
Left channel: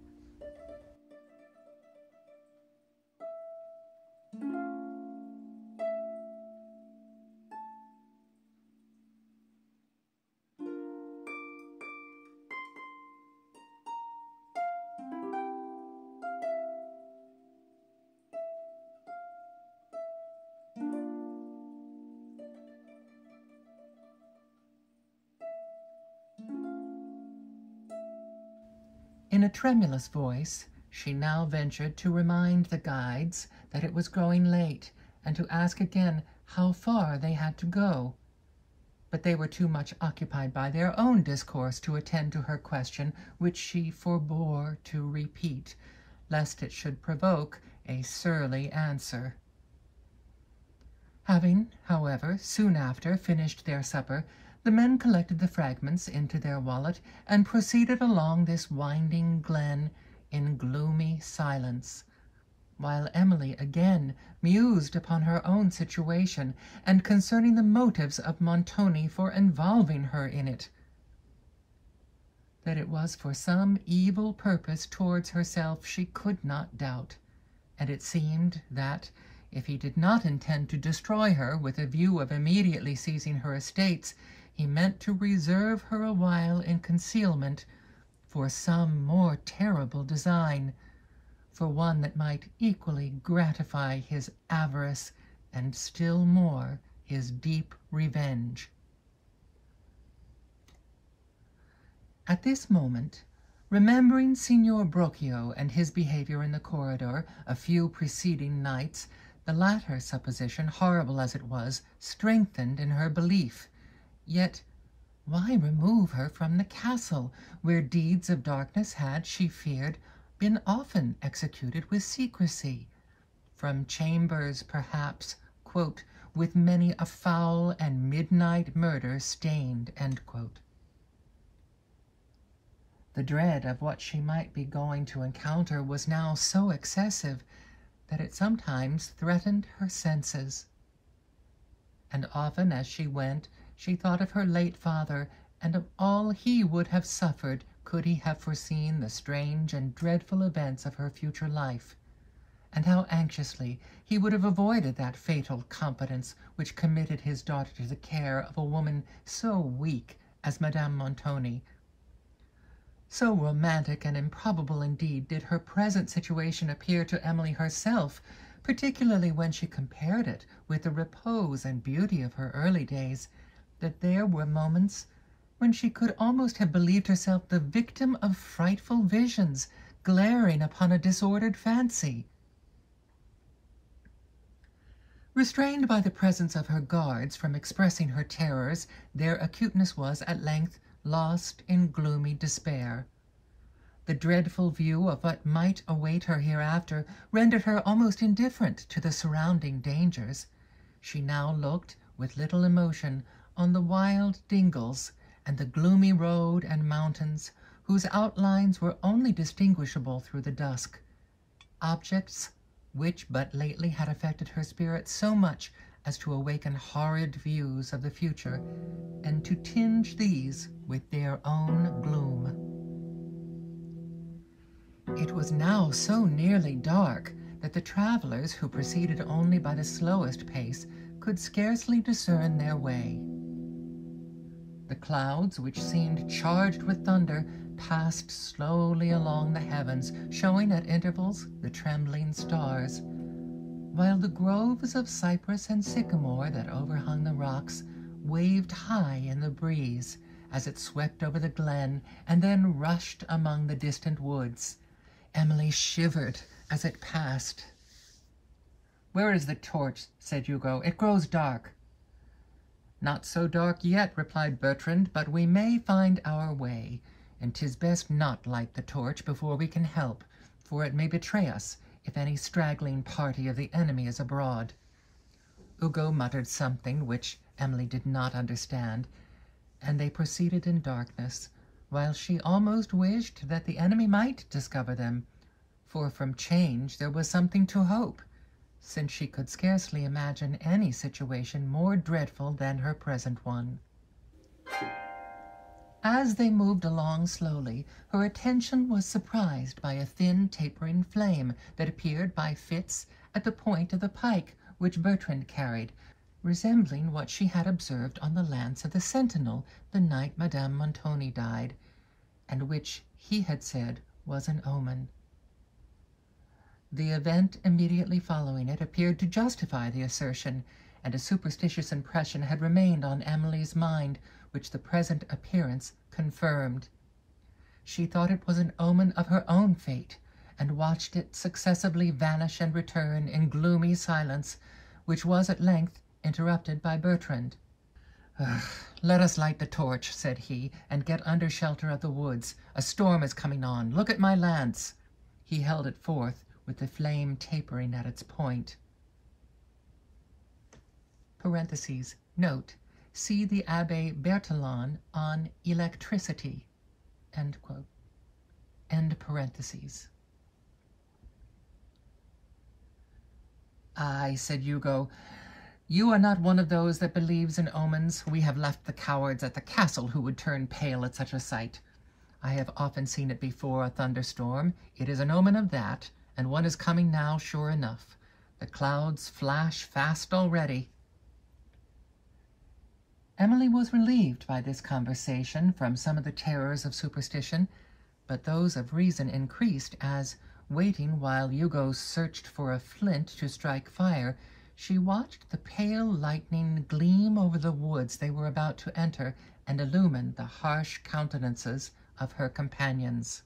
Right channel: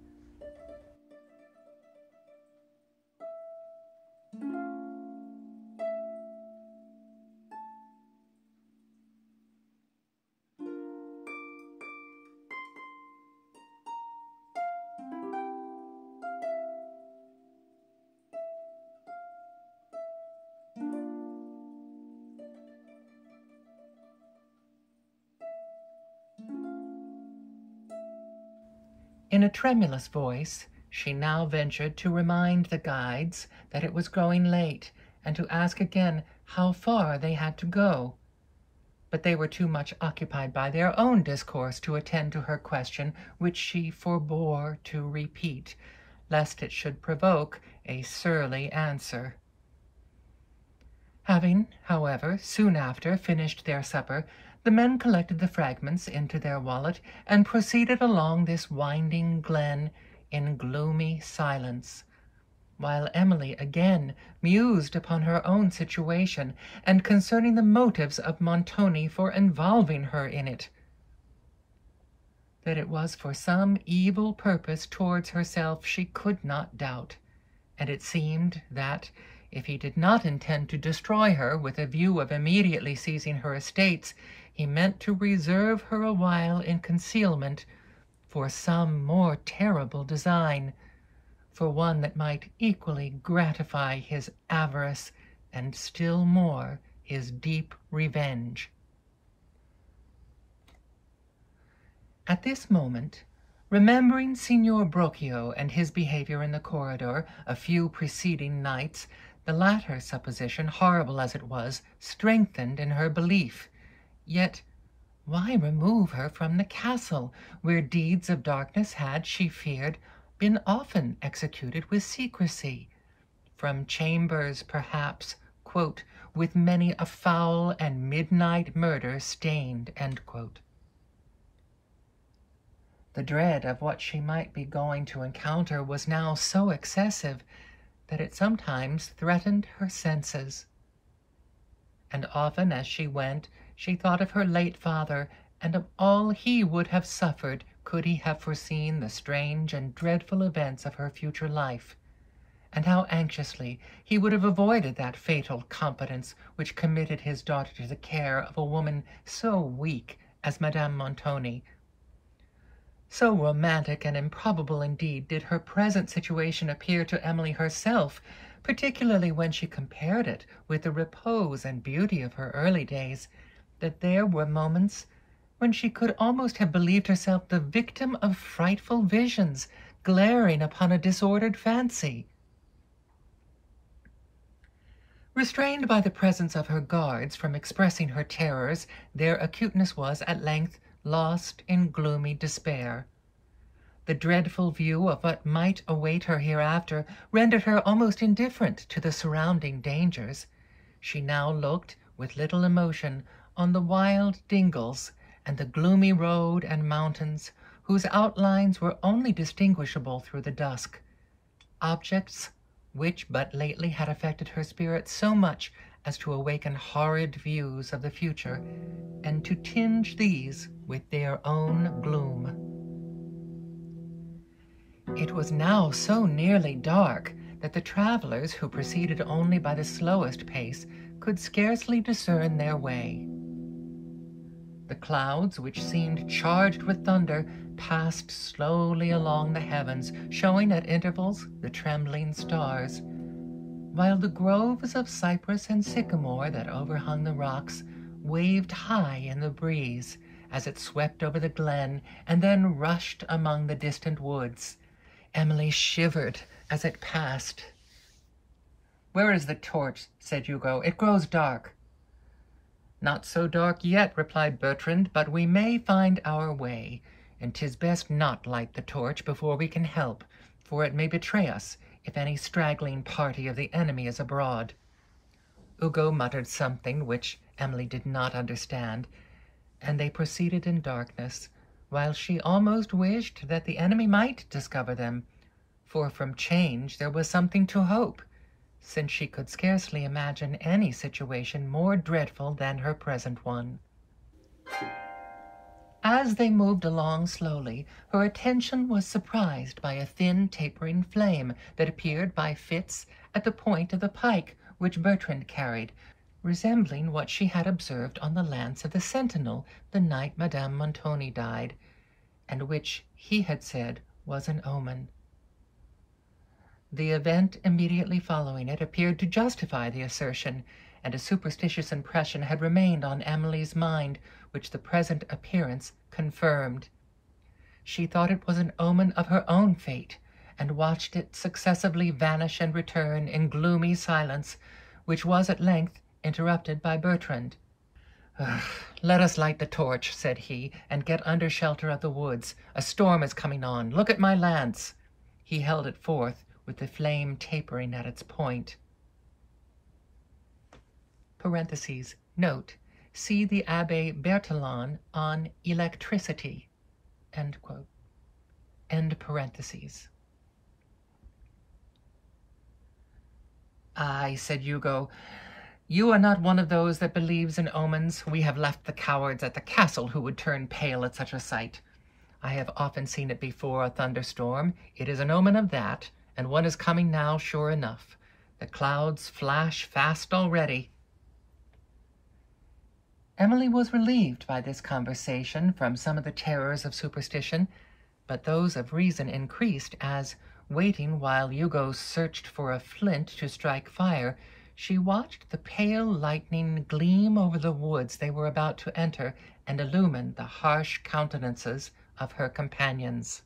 In a tremulous voice, she now ventured to remind the guides that it was growing late, and to ask again how far they had to go. But they were too much occupied by their own discourse to attend to her question, which she forbore to repeat, lest it should provoke a surly answer. Having, however, soon after finished their supper, the men collected the fragments into their wallet and proceeded along this winding glen in gloomy silence, while Emily again mused upon her own situation and concerning the motives of Montoni for involving her in it. That it was for some evil purpose towards herself she could not doubt, and it seemed that, if he did not intend to destroy her with a view of immediately seizing her estates, he meant to reserve her a while in concealment for some more terrible design, for one that might equally gratify his avarice and still more his deep revenge. At this moment, remembering Signor Brocchio and his behavior in the corridor a few preceding nights, the latter supposition, horrible as it was, strengthened in her belief. Yet why remove her from the castle, where deeds of darkness had, she feared, been often executed with secrecy, from chambers, perhaps, quote, with many a foul and midnight murder stained, end quote. The dread of what she might be going to encounter was now so excessive that it sometimes threatened her senses. And often as she went, she thought of her late father, and of all he would have suffered could he have foreseen the strange and dreadful events of her future life, and how anxiously he would have avoided that fatal competence which committed his daughter to the care of a woman so weak as Madame Montoni. So romantic and improbable indeed did her present situation appear to Emily herself, particularly when she compared it with the repose and beauty of her early days, that there were moments when she could almost have believed herself the victim of frightful visions glaring upon a disordered fancy. Restrained by the presence of her guards from expressing her terrors, their acuteness was at length lost in gloomy despair. The dreadful view of what might await her hereafter rendered her almost indifferent to the surrounding dangers. She now looked with little emotion on the wild dingles and the gloomy road and mountains, whose outlines were only distinguishable through the dusk, objects which but lately had affected her spirit so much as to awaken horrid views of the future, and to tinge these with their own gloom. It was now so nearly dark that the travelers, who proceeded only by the slowest pace, could scarcely discern their way. The clouds, which seemed charged with thunder, passed slowly along the heavens, showing at intervals the trembling stars, while the groves of cypress and sycamore that overhung the rocks waved high in the breeze as it swept over the glen and then rushed among the distant woods. Emily shivered as it passed. "Where is the torch?" said Hugo. "It grows dark." "Not so dark yet," replied Bertrand, "but we may find our way, and 'tis best not light the torch before we can help, for it may betray us if any straggling party of the enemy is abroad." Hugo muttered something which Emily did not understand, and they proceeded in darkness, while she almost wished that the enemy might discover them, for from change there was something to hope, since she could scarcely imagine any situation more dreadful than her present one. As they moved along slowly, her attention was surprised by a thin tapering flame that appeared by fits at the point of the pike which Bertrand carried, resembling what she had observed on the lance of the sentinel the night Madame Montoni died, and which he had said was an omen. The event immediately following it appeared to justify the assertion, and a superstitious impression had remained on Emily's mind, which the present appearance confirmed. She thought it was an omen of her own fate, and watched it successively vanish and return in gloomy silence, which was at length interrupted by Bertrand. "Let us light the torch," said he, "and get under shelter of the woods. A storm is coming on. Look at my lance." He held it forth, with the flame tapering at its point. Parentheses. Note. See the Abbé Berthelon on electricity. End quote. End parentheses. "Aye," said Hugo, "you are not one of those that believes in omens. We have left the cowards at the castle who would turn pale at such a sight. I have often seen it before a thunderstorm. It is an omen of that, and one is coming now, sure enough. The clouds flash fast already." Emily was relieved by this conversation from some of the terrors of superstition, but those of reason increased as, waiting while Hugo searched for a flint to strike fire, she watched the pale lightning gleam over the woods they were about to enter and illumine the harsh countenances of her companions.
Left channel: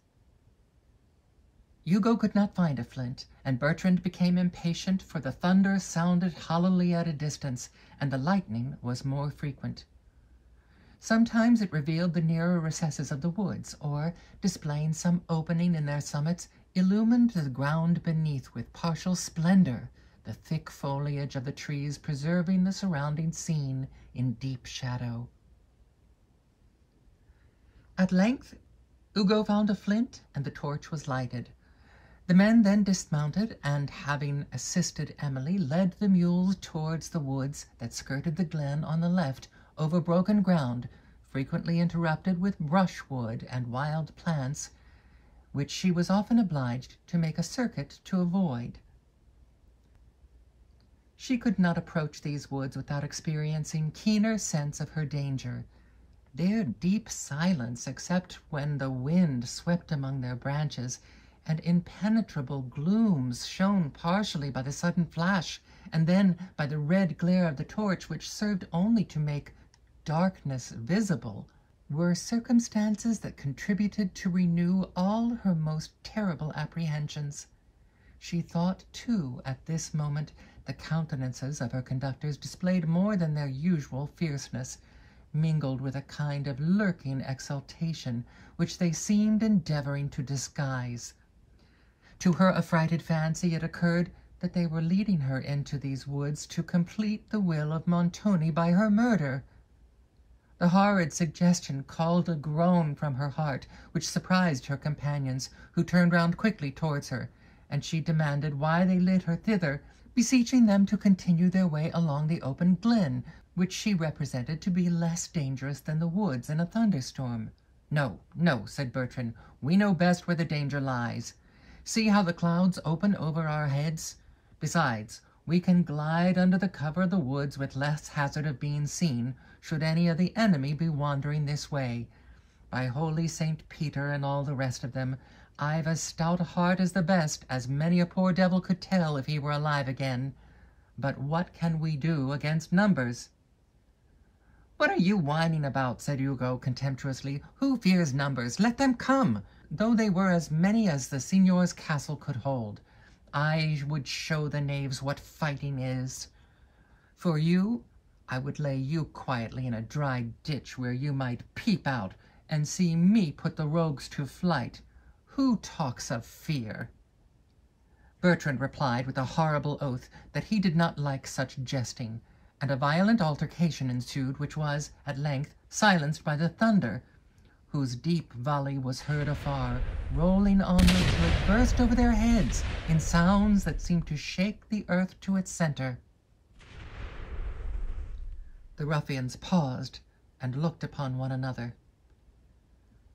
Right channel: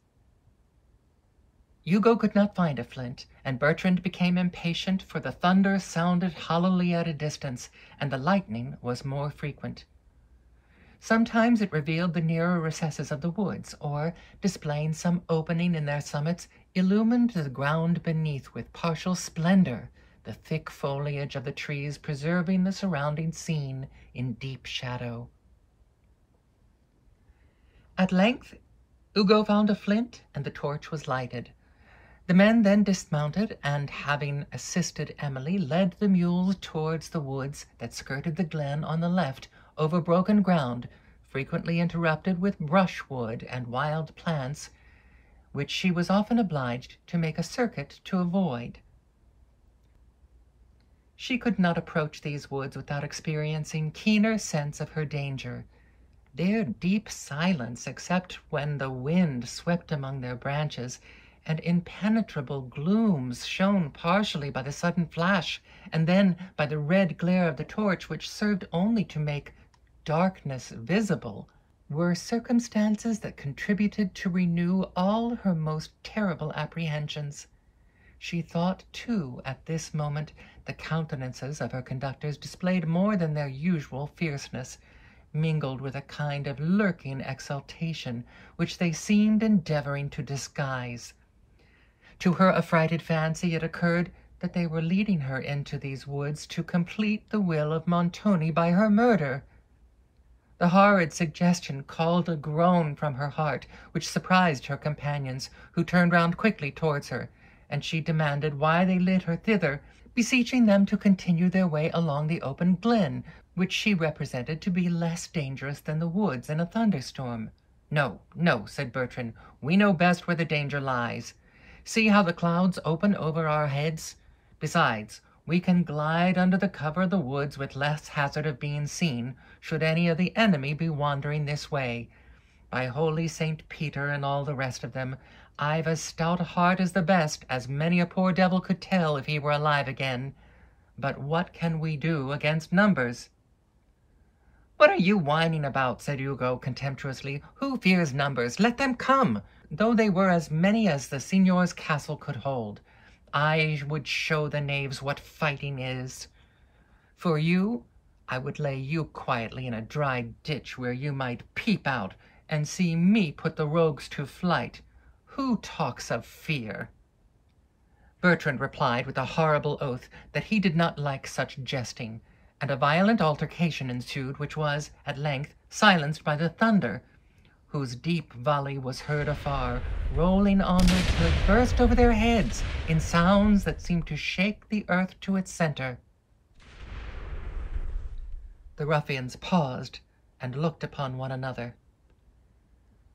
Hugo could not find a flint, and Bertrand became impatient, for the thunder sounded hollowly at a distance, and the lightning was more frequent. Sometimes it revealed the nearer recesses of the woods, or, displaying some opening in their summits, illumined the ground beneath with partial splendor, the thick foliage of the trees preserving the surrounding scene in deep shadow. At length Hugo found a flint, and the torch was lighted. The men then dismounted, and, having assisted Emily, led the mules towards the woods that skirted the glen on the left, over broken ground, frequently interrupted with brushwood and wild plants, which she was often obliged to make a circuit to avoid. She could not approach these woods without experiencing keener sense of her danger. Their deep silence, except when the wind swept among their branches, and impenetrable glooms shown partially by the sudden flash and then by the red glare of the torch, which served only to make darkness visible, were circumstances that contributed to renew all her most terrible apprehensions. She thought, too, at this moment, the countenances of her conductors displayed more than their usual fierceness, mingled with a kind of lurking exultation, which they seemed endeavoring to disguise. To her affrighted fancy it occurred that they were leading her into these woods to complete the will of Montoni by her murder. The horrid suggestion called a groan from her heart, which surprised her companions, who turned round quickly towards her, and she demanded why they led her thither, beseeching them to continue their way along the open glen, which she represented to be less dangerous than the woods in a thunderstorm. "No, no," said Bertrand, "we know best where the danger lies. See how the clouds open over our heads. Besides, we can glide under the cover of the woods with less hazard of being seen, should any of the enemy be wandering this way. By holy St. Peter and all the rest of them, I've as stout a heart as the best, as many a poor devil could tell if he were alive again. But what can we do against numbers?" "What are you whining about?" said Hugo contemptuously. "Who fears numbers? Let them come. Though they were as many as the signor's castle could hold, I would show the knaves what fighting is. For you, I would lay you quietly in a dry ditch where you might peep out and see me put the rogues to flight. Who talks of fear?" Bertrand replied with a horrible oath that he did not like such jesting, and a violent altercation ensued, which was, at length, silenced by the thunder, whose deep volley was heard afar, rolling onward till it burst over their heads in sounds that seemed to shake the earth to its center. The ruffians paused and looked upon one another.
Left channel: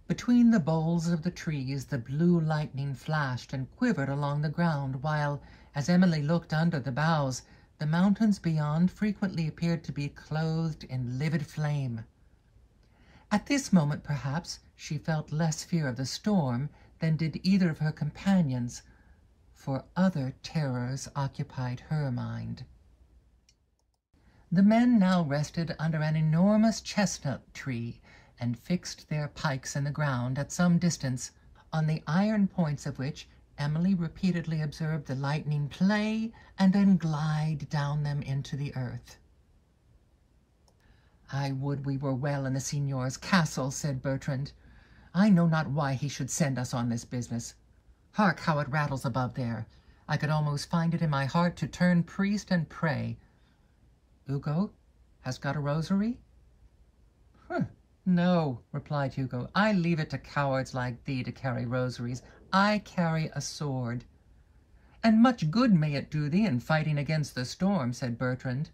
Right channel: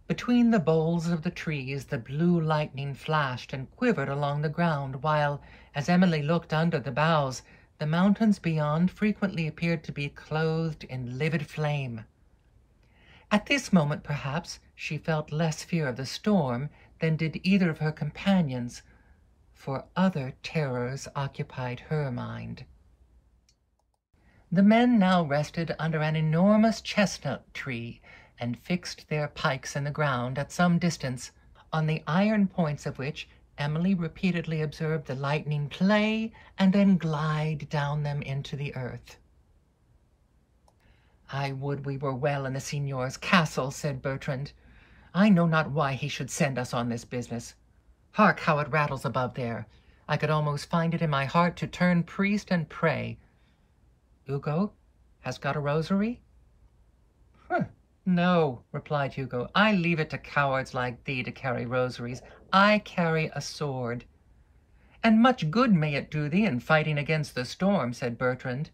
Between the boles of the trees the blue lightning flashed and quivered along the ground, while, as Emily looked under the boughs, the mountains beyond frequently appeared to be clothed in livid flame. At this moment, perhaps, she felt less fear of the storm than did either of her companions, for other terrors occupied her mind. The men now rested under an enormous chestnut tree, and fixed their pikes in the ground at some distance, on the iron points of which Emily repeatedly observed the lightning play and then glide down them into the earth. "I would we were well in the signor's castle," said Bertrand. "I know not why he should send us on this business. Hark how it rattles above there. I could almost find it in my heart to turn priest and pray. Hugo, hast got a rosary?" "No," replied Hugo. "I leave it to cowards like thee to carry rosaries. I carry a sword." "And much good may it do thee in fighting against the storm," said Bertrand.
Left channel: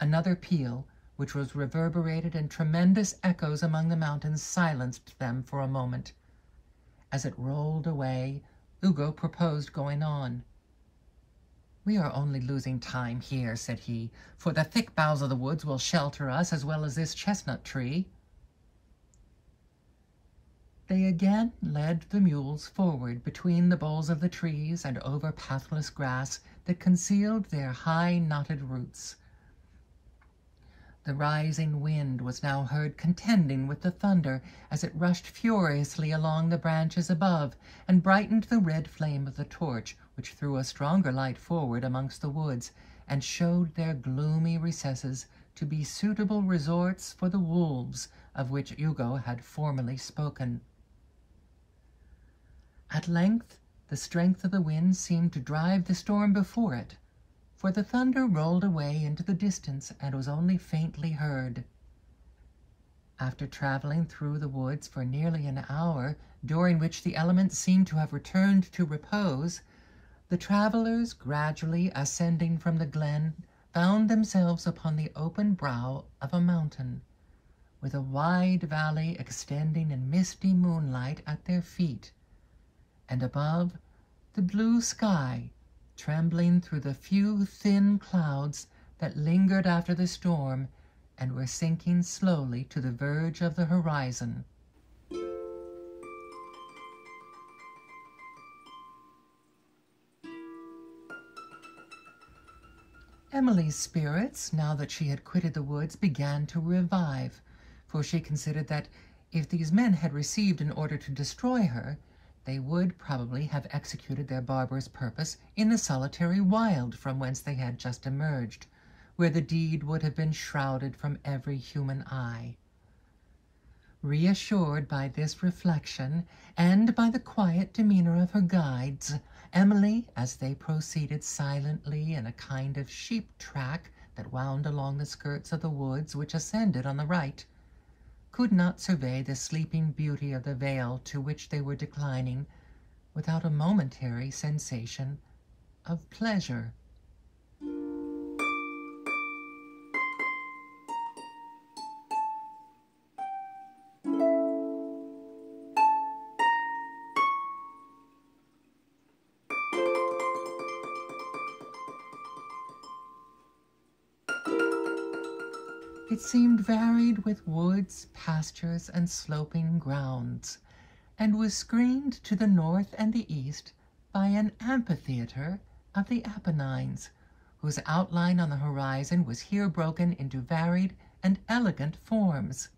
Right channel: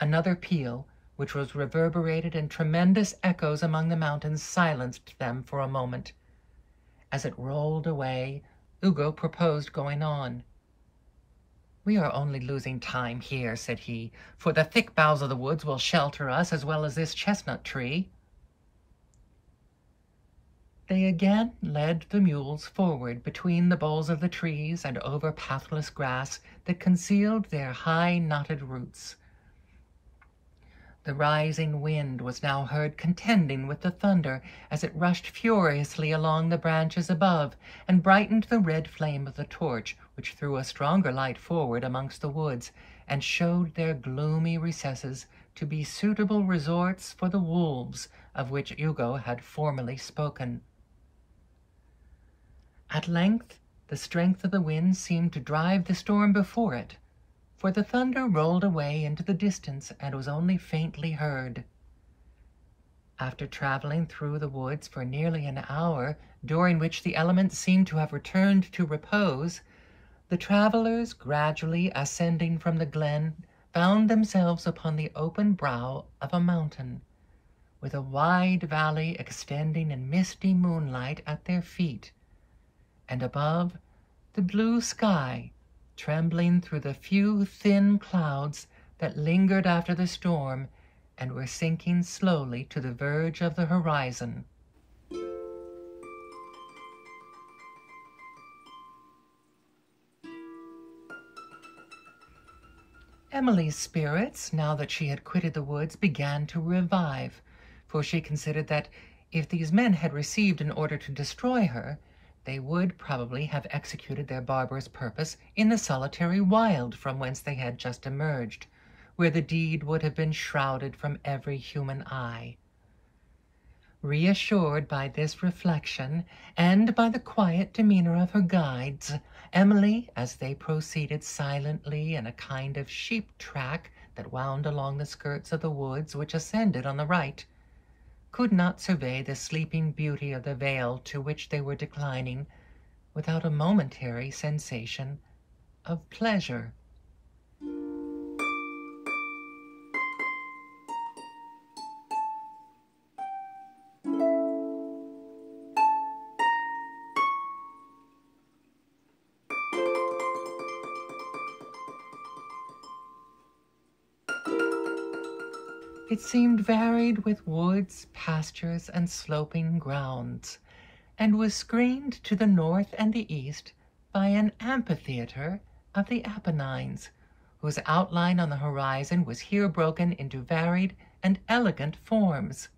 Another peal, which was reverberated in tremendous echoes among the mountains, silenced them for a moment. As it rolled away, Hugo proposed going on. "We are only losing time here," said he, "for the thick boughs of the woods will shelter us as well as this chestnut tree." They again led the mules forward between the boles of the trees and over pathless grass that concealed their high knotted roots. The rising wind was now heard contending with the thunder as it rushed furiously along the branches above and brightened the red flame of the torch, which threw a stronger light forward amongst the woods and showed their gloomy recesses to be suitable resorts for the wolves of which Hugo had formerly spoken. At length the strength of the wind seemed to drive the storm before it, for the thunder rolled away into the distance and was only faintly heard. After traveling through the woods for nearly an hour, during which the elements seemed to have returned to repose, the travelers, gradually ascending from the glen, found themselves upon the open brow of a mountain, with a wide valley extending in misty moonlight at their feet, and above, the blue sky, trembling through the few thin clouds that lingered after the storm and were sinking slowly to the verge of the horizon. Emily's spirits, now that she had quitted the woods, began to revive, for she considered that if these men had received an order to destroy her, they would probably have executed their barbarous purpose in the solitary wild from whence they had just emerged, where the deed would have been shrouded from every human eye. Reassured by this reflection, and by the quiet demeanor of her guides, Emily, as they proceeded silently in a kind of sheep-track that wound along the skirts of the woods which ascended on the right, could not survey the sleeping beauty of the vale to which they were declining without a momentary sensation of pleasure. It seemed varied with woods, pastures, and sloping grounds, and was screened to the north and the east by an amphitheatre of the Apennines, whose outline on the horizon was here broken into varied and elegant forms.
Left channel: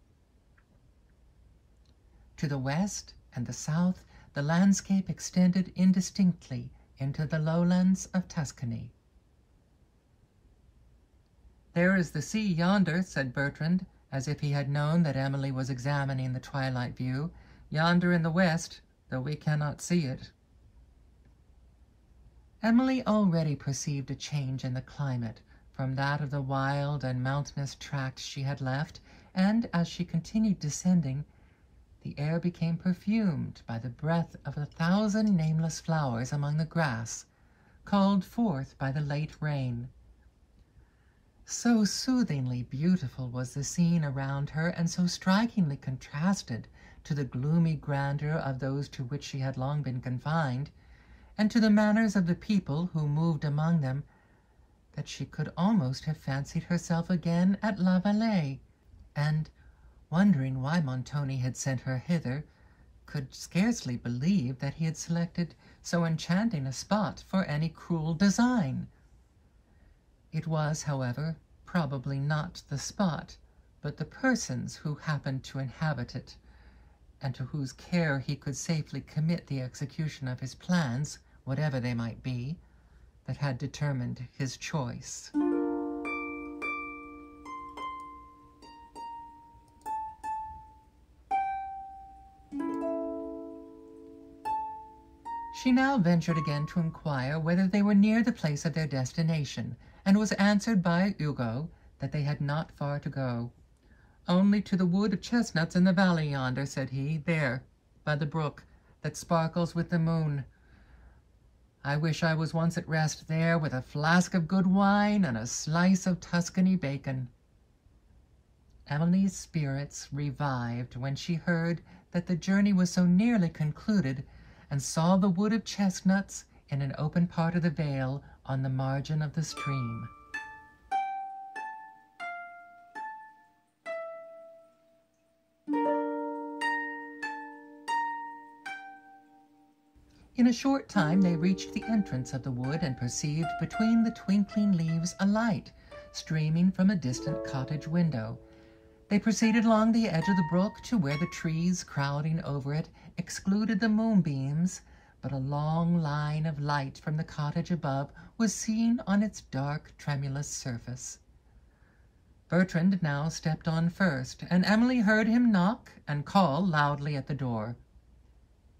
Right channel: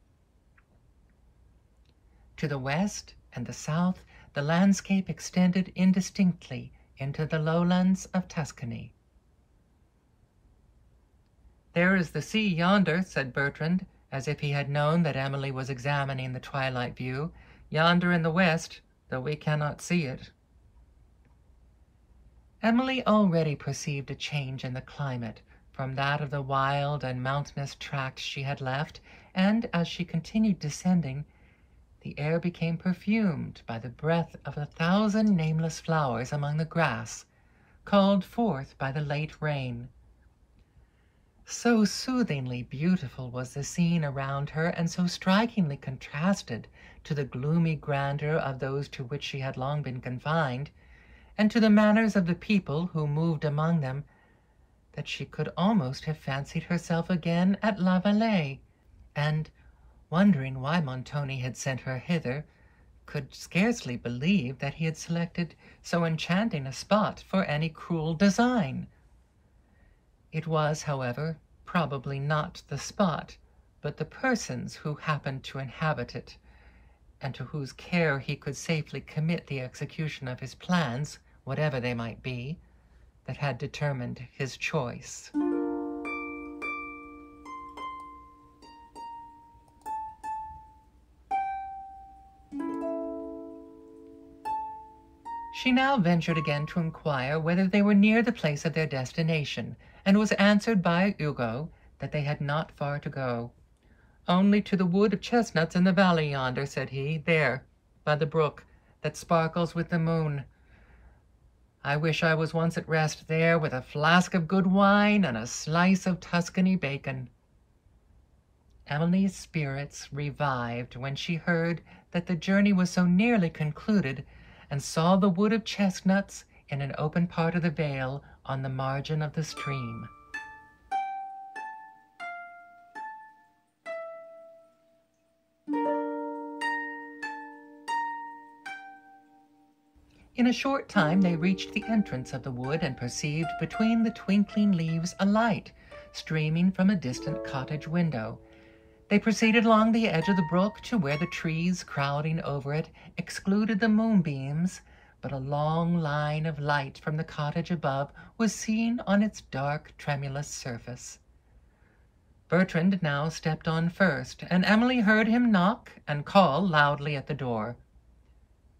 To the west and the south, the landscape extended indistinctly into the lowlands of Tuscany. "There is the sea yonder," said Bertrand, as if he had known that Emily was examining the twilight view, "yonder in the west, though we cannot see it." Emily already perceived a change in the climate from that of the wild and mountainous tract she had left, and as she continued descending, the air became perfumed by the breath of 1,000 nameless flowers among the grass, called forth by the late rain. So soothingly beautiful was the scene around her, and so strikingly contrasted to the gloomy grandeur of those to which she had long been confined, and to the manners of the people who moved among them, that she could almost have fancied herself again at La Vallée, and, wondering why Montoni had sent her hither, could scarcely believe that he had selected so enchanting a spot for any cruel design. It was, however, probably not the spot, but the persons who happened to inhabit it, and to whose care he could safely commit the execution of his plans, whatever they might be, that had determined his choice. She now ventured again to inquire whether they were near the place of their destination, and was answered by Hugo that they had not far to go. "Only to the wood of chestnuts in the valley yonder," said he, "there, by the brook, that sparkles with the moon. I wish I was once at rest there, with a flask of good wine and a slice of Tuscany bacon." Emily's spirits revived when she heard that the journey was so nearly concluded, and saw the wood of chestnuts in an open part of the vale on the margin of the stream. In a short time they reached the entrance of the wood, and perceived between the twinkling leaves a light streaming from a distant cottage window. They proceeded along the edge of the brook to where the trees crowding over it excluded the moonbeams, but a long line of light from the cottage above was seen on its dark, tremulous surface. Bertrand now stepped on first, and Emily heard him knock and call loudly at the door.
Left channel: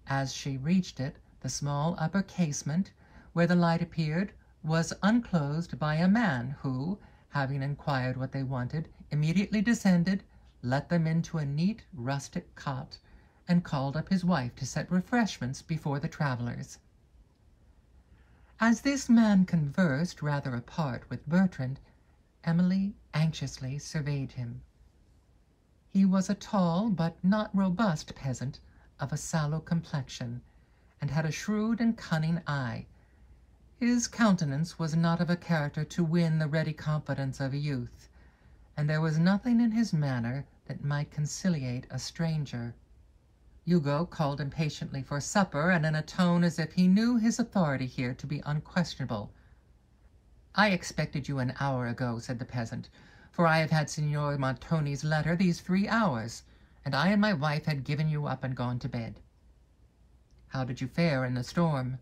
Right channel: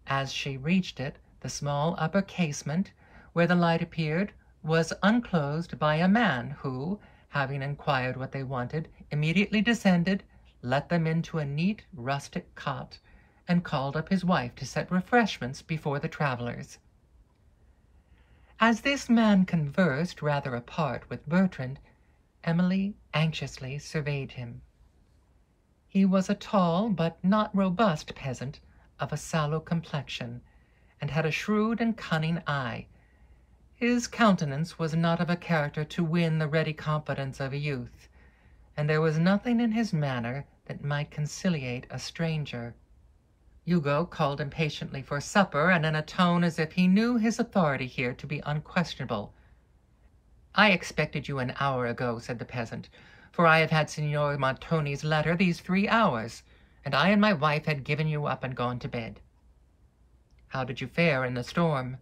As she reached it, the small upper casement, where the light appeared, was unclosed by a man who, having inquired what they wanted, immediately descended, let them into a neat rustic cot, and called up his wife to set refreshments before the travellers. As this man conversed rather apart with Bertrand, Emily anxiously surveyed him. He was a tall but not robust peasant, of a sallow complexion, and had a shrewd and cunning eye. His countenance was not of a character to win the ready confidence of a youth, and there was nothing in his manner that might conciliate a stranger. Hugo called impatiently for supper, and in a tone as if he knew his authority here to be unquestionable. "I expected you an hour ago," said the peasant, "for I have had Signor Montoni's letter these 3 hours, and I and my wife had given you up and gone to bed." "How did you fare in the storm?"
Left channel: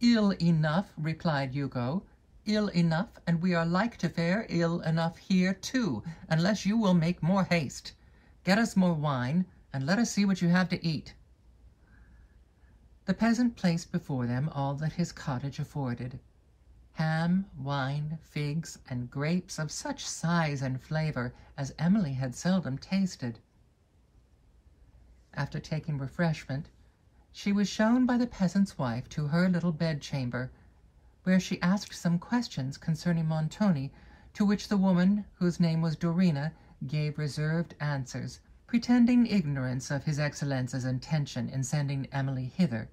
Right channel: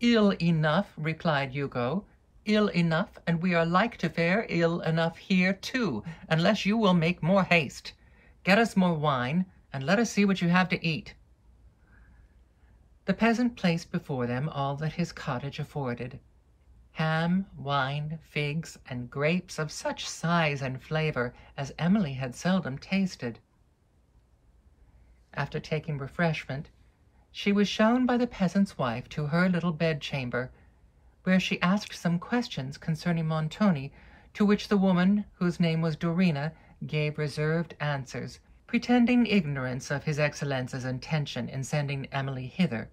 "Ill enough," replied Hugo, "ill enough, and we are like to fare ill enough here too, unless you will make more haste. Get us more wine, and let us see what you have to eat." The peasant placed before them all that his cottage afforded: ham, wine, figs, and grapes of such size and flavor as Emily had seldom tasted. After taking refreshment, she was shown by the peasant's wife to her little bedchamber, where she asked some questions concerning Montoni, to which the woman, whose name was Dorina, gave reserved answers, pretending ignorance of his Excellence's intention in sending Emily hither,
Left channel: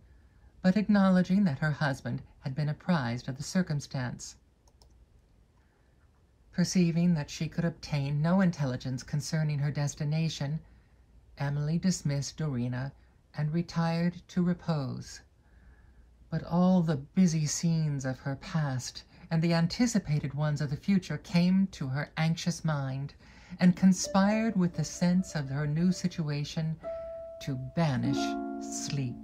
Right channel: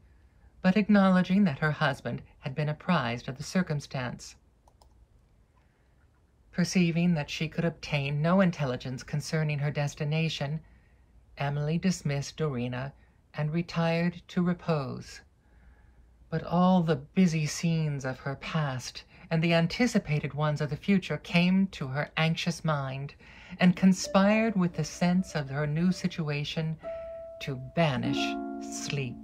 but acknowledging that her husband had been apprised of the circumstance. Perceiving that she could obtain no intelligence concerning her destination, Emily dismissed Dorina and retired to repose. But all the busy scenes of her past and the anticipated ones of the future came to her anxious mind, and conspired with the sense of her new situation to banish sleep.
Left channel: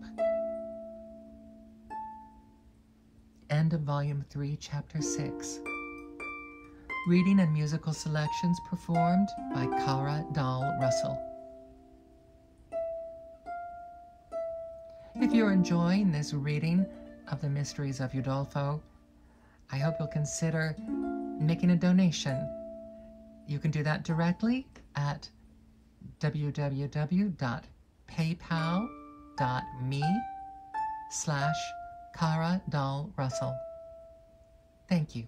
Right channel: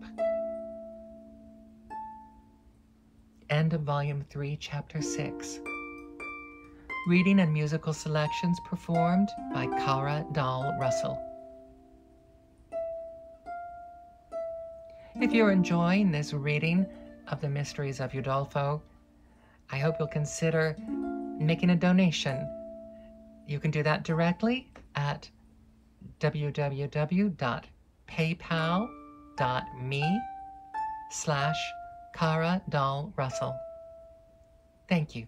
End of Volume 3, Chapter 6. Reading and musical selections performed by Kara Dahl Russell. If you're enjoying this reading of the Mysteries of Udolpho, I hope you'll consider making a donation. You can do that directly at www.paypal.me/Kara Dahl Russell. Thank you.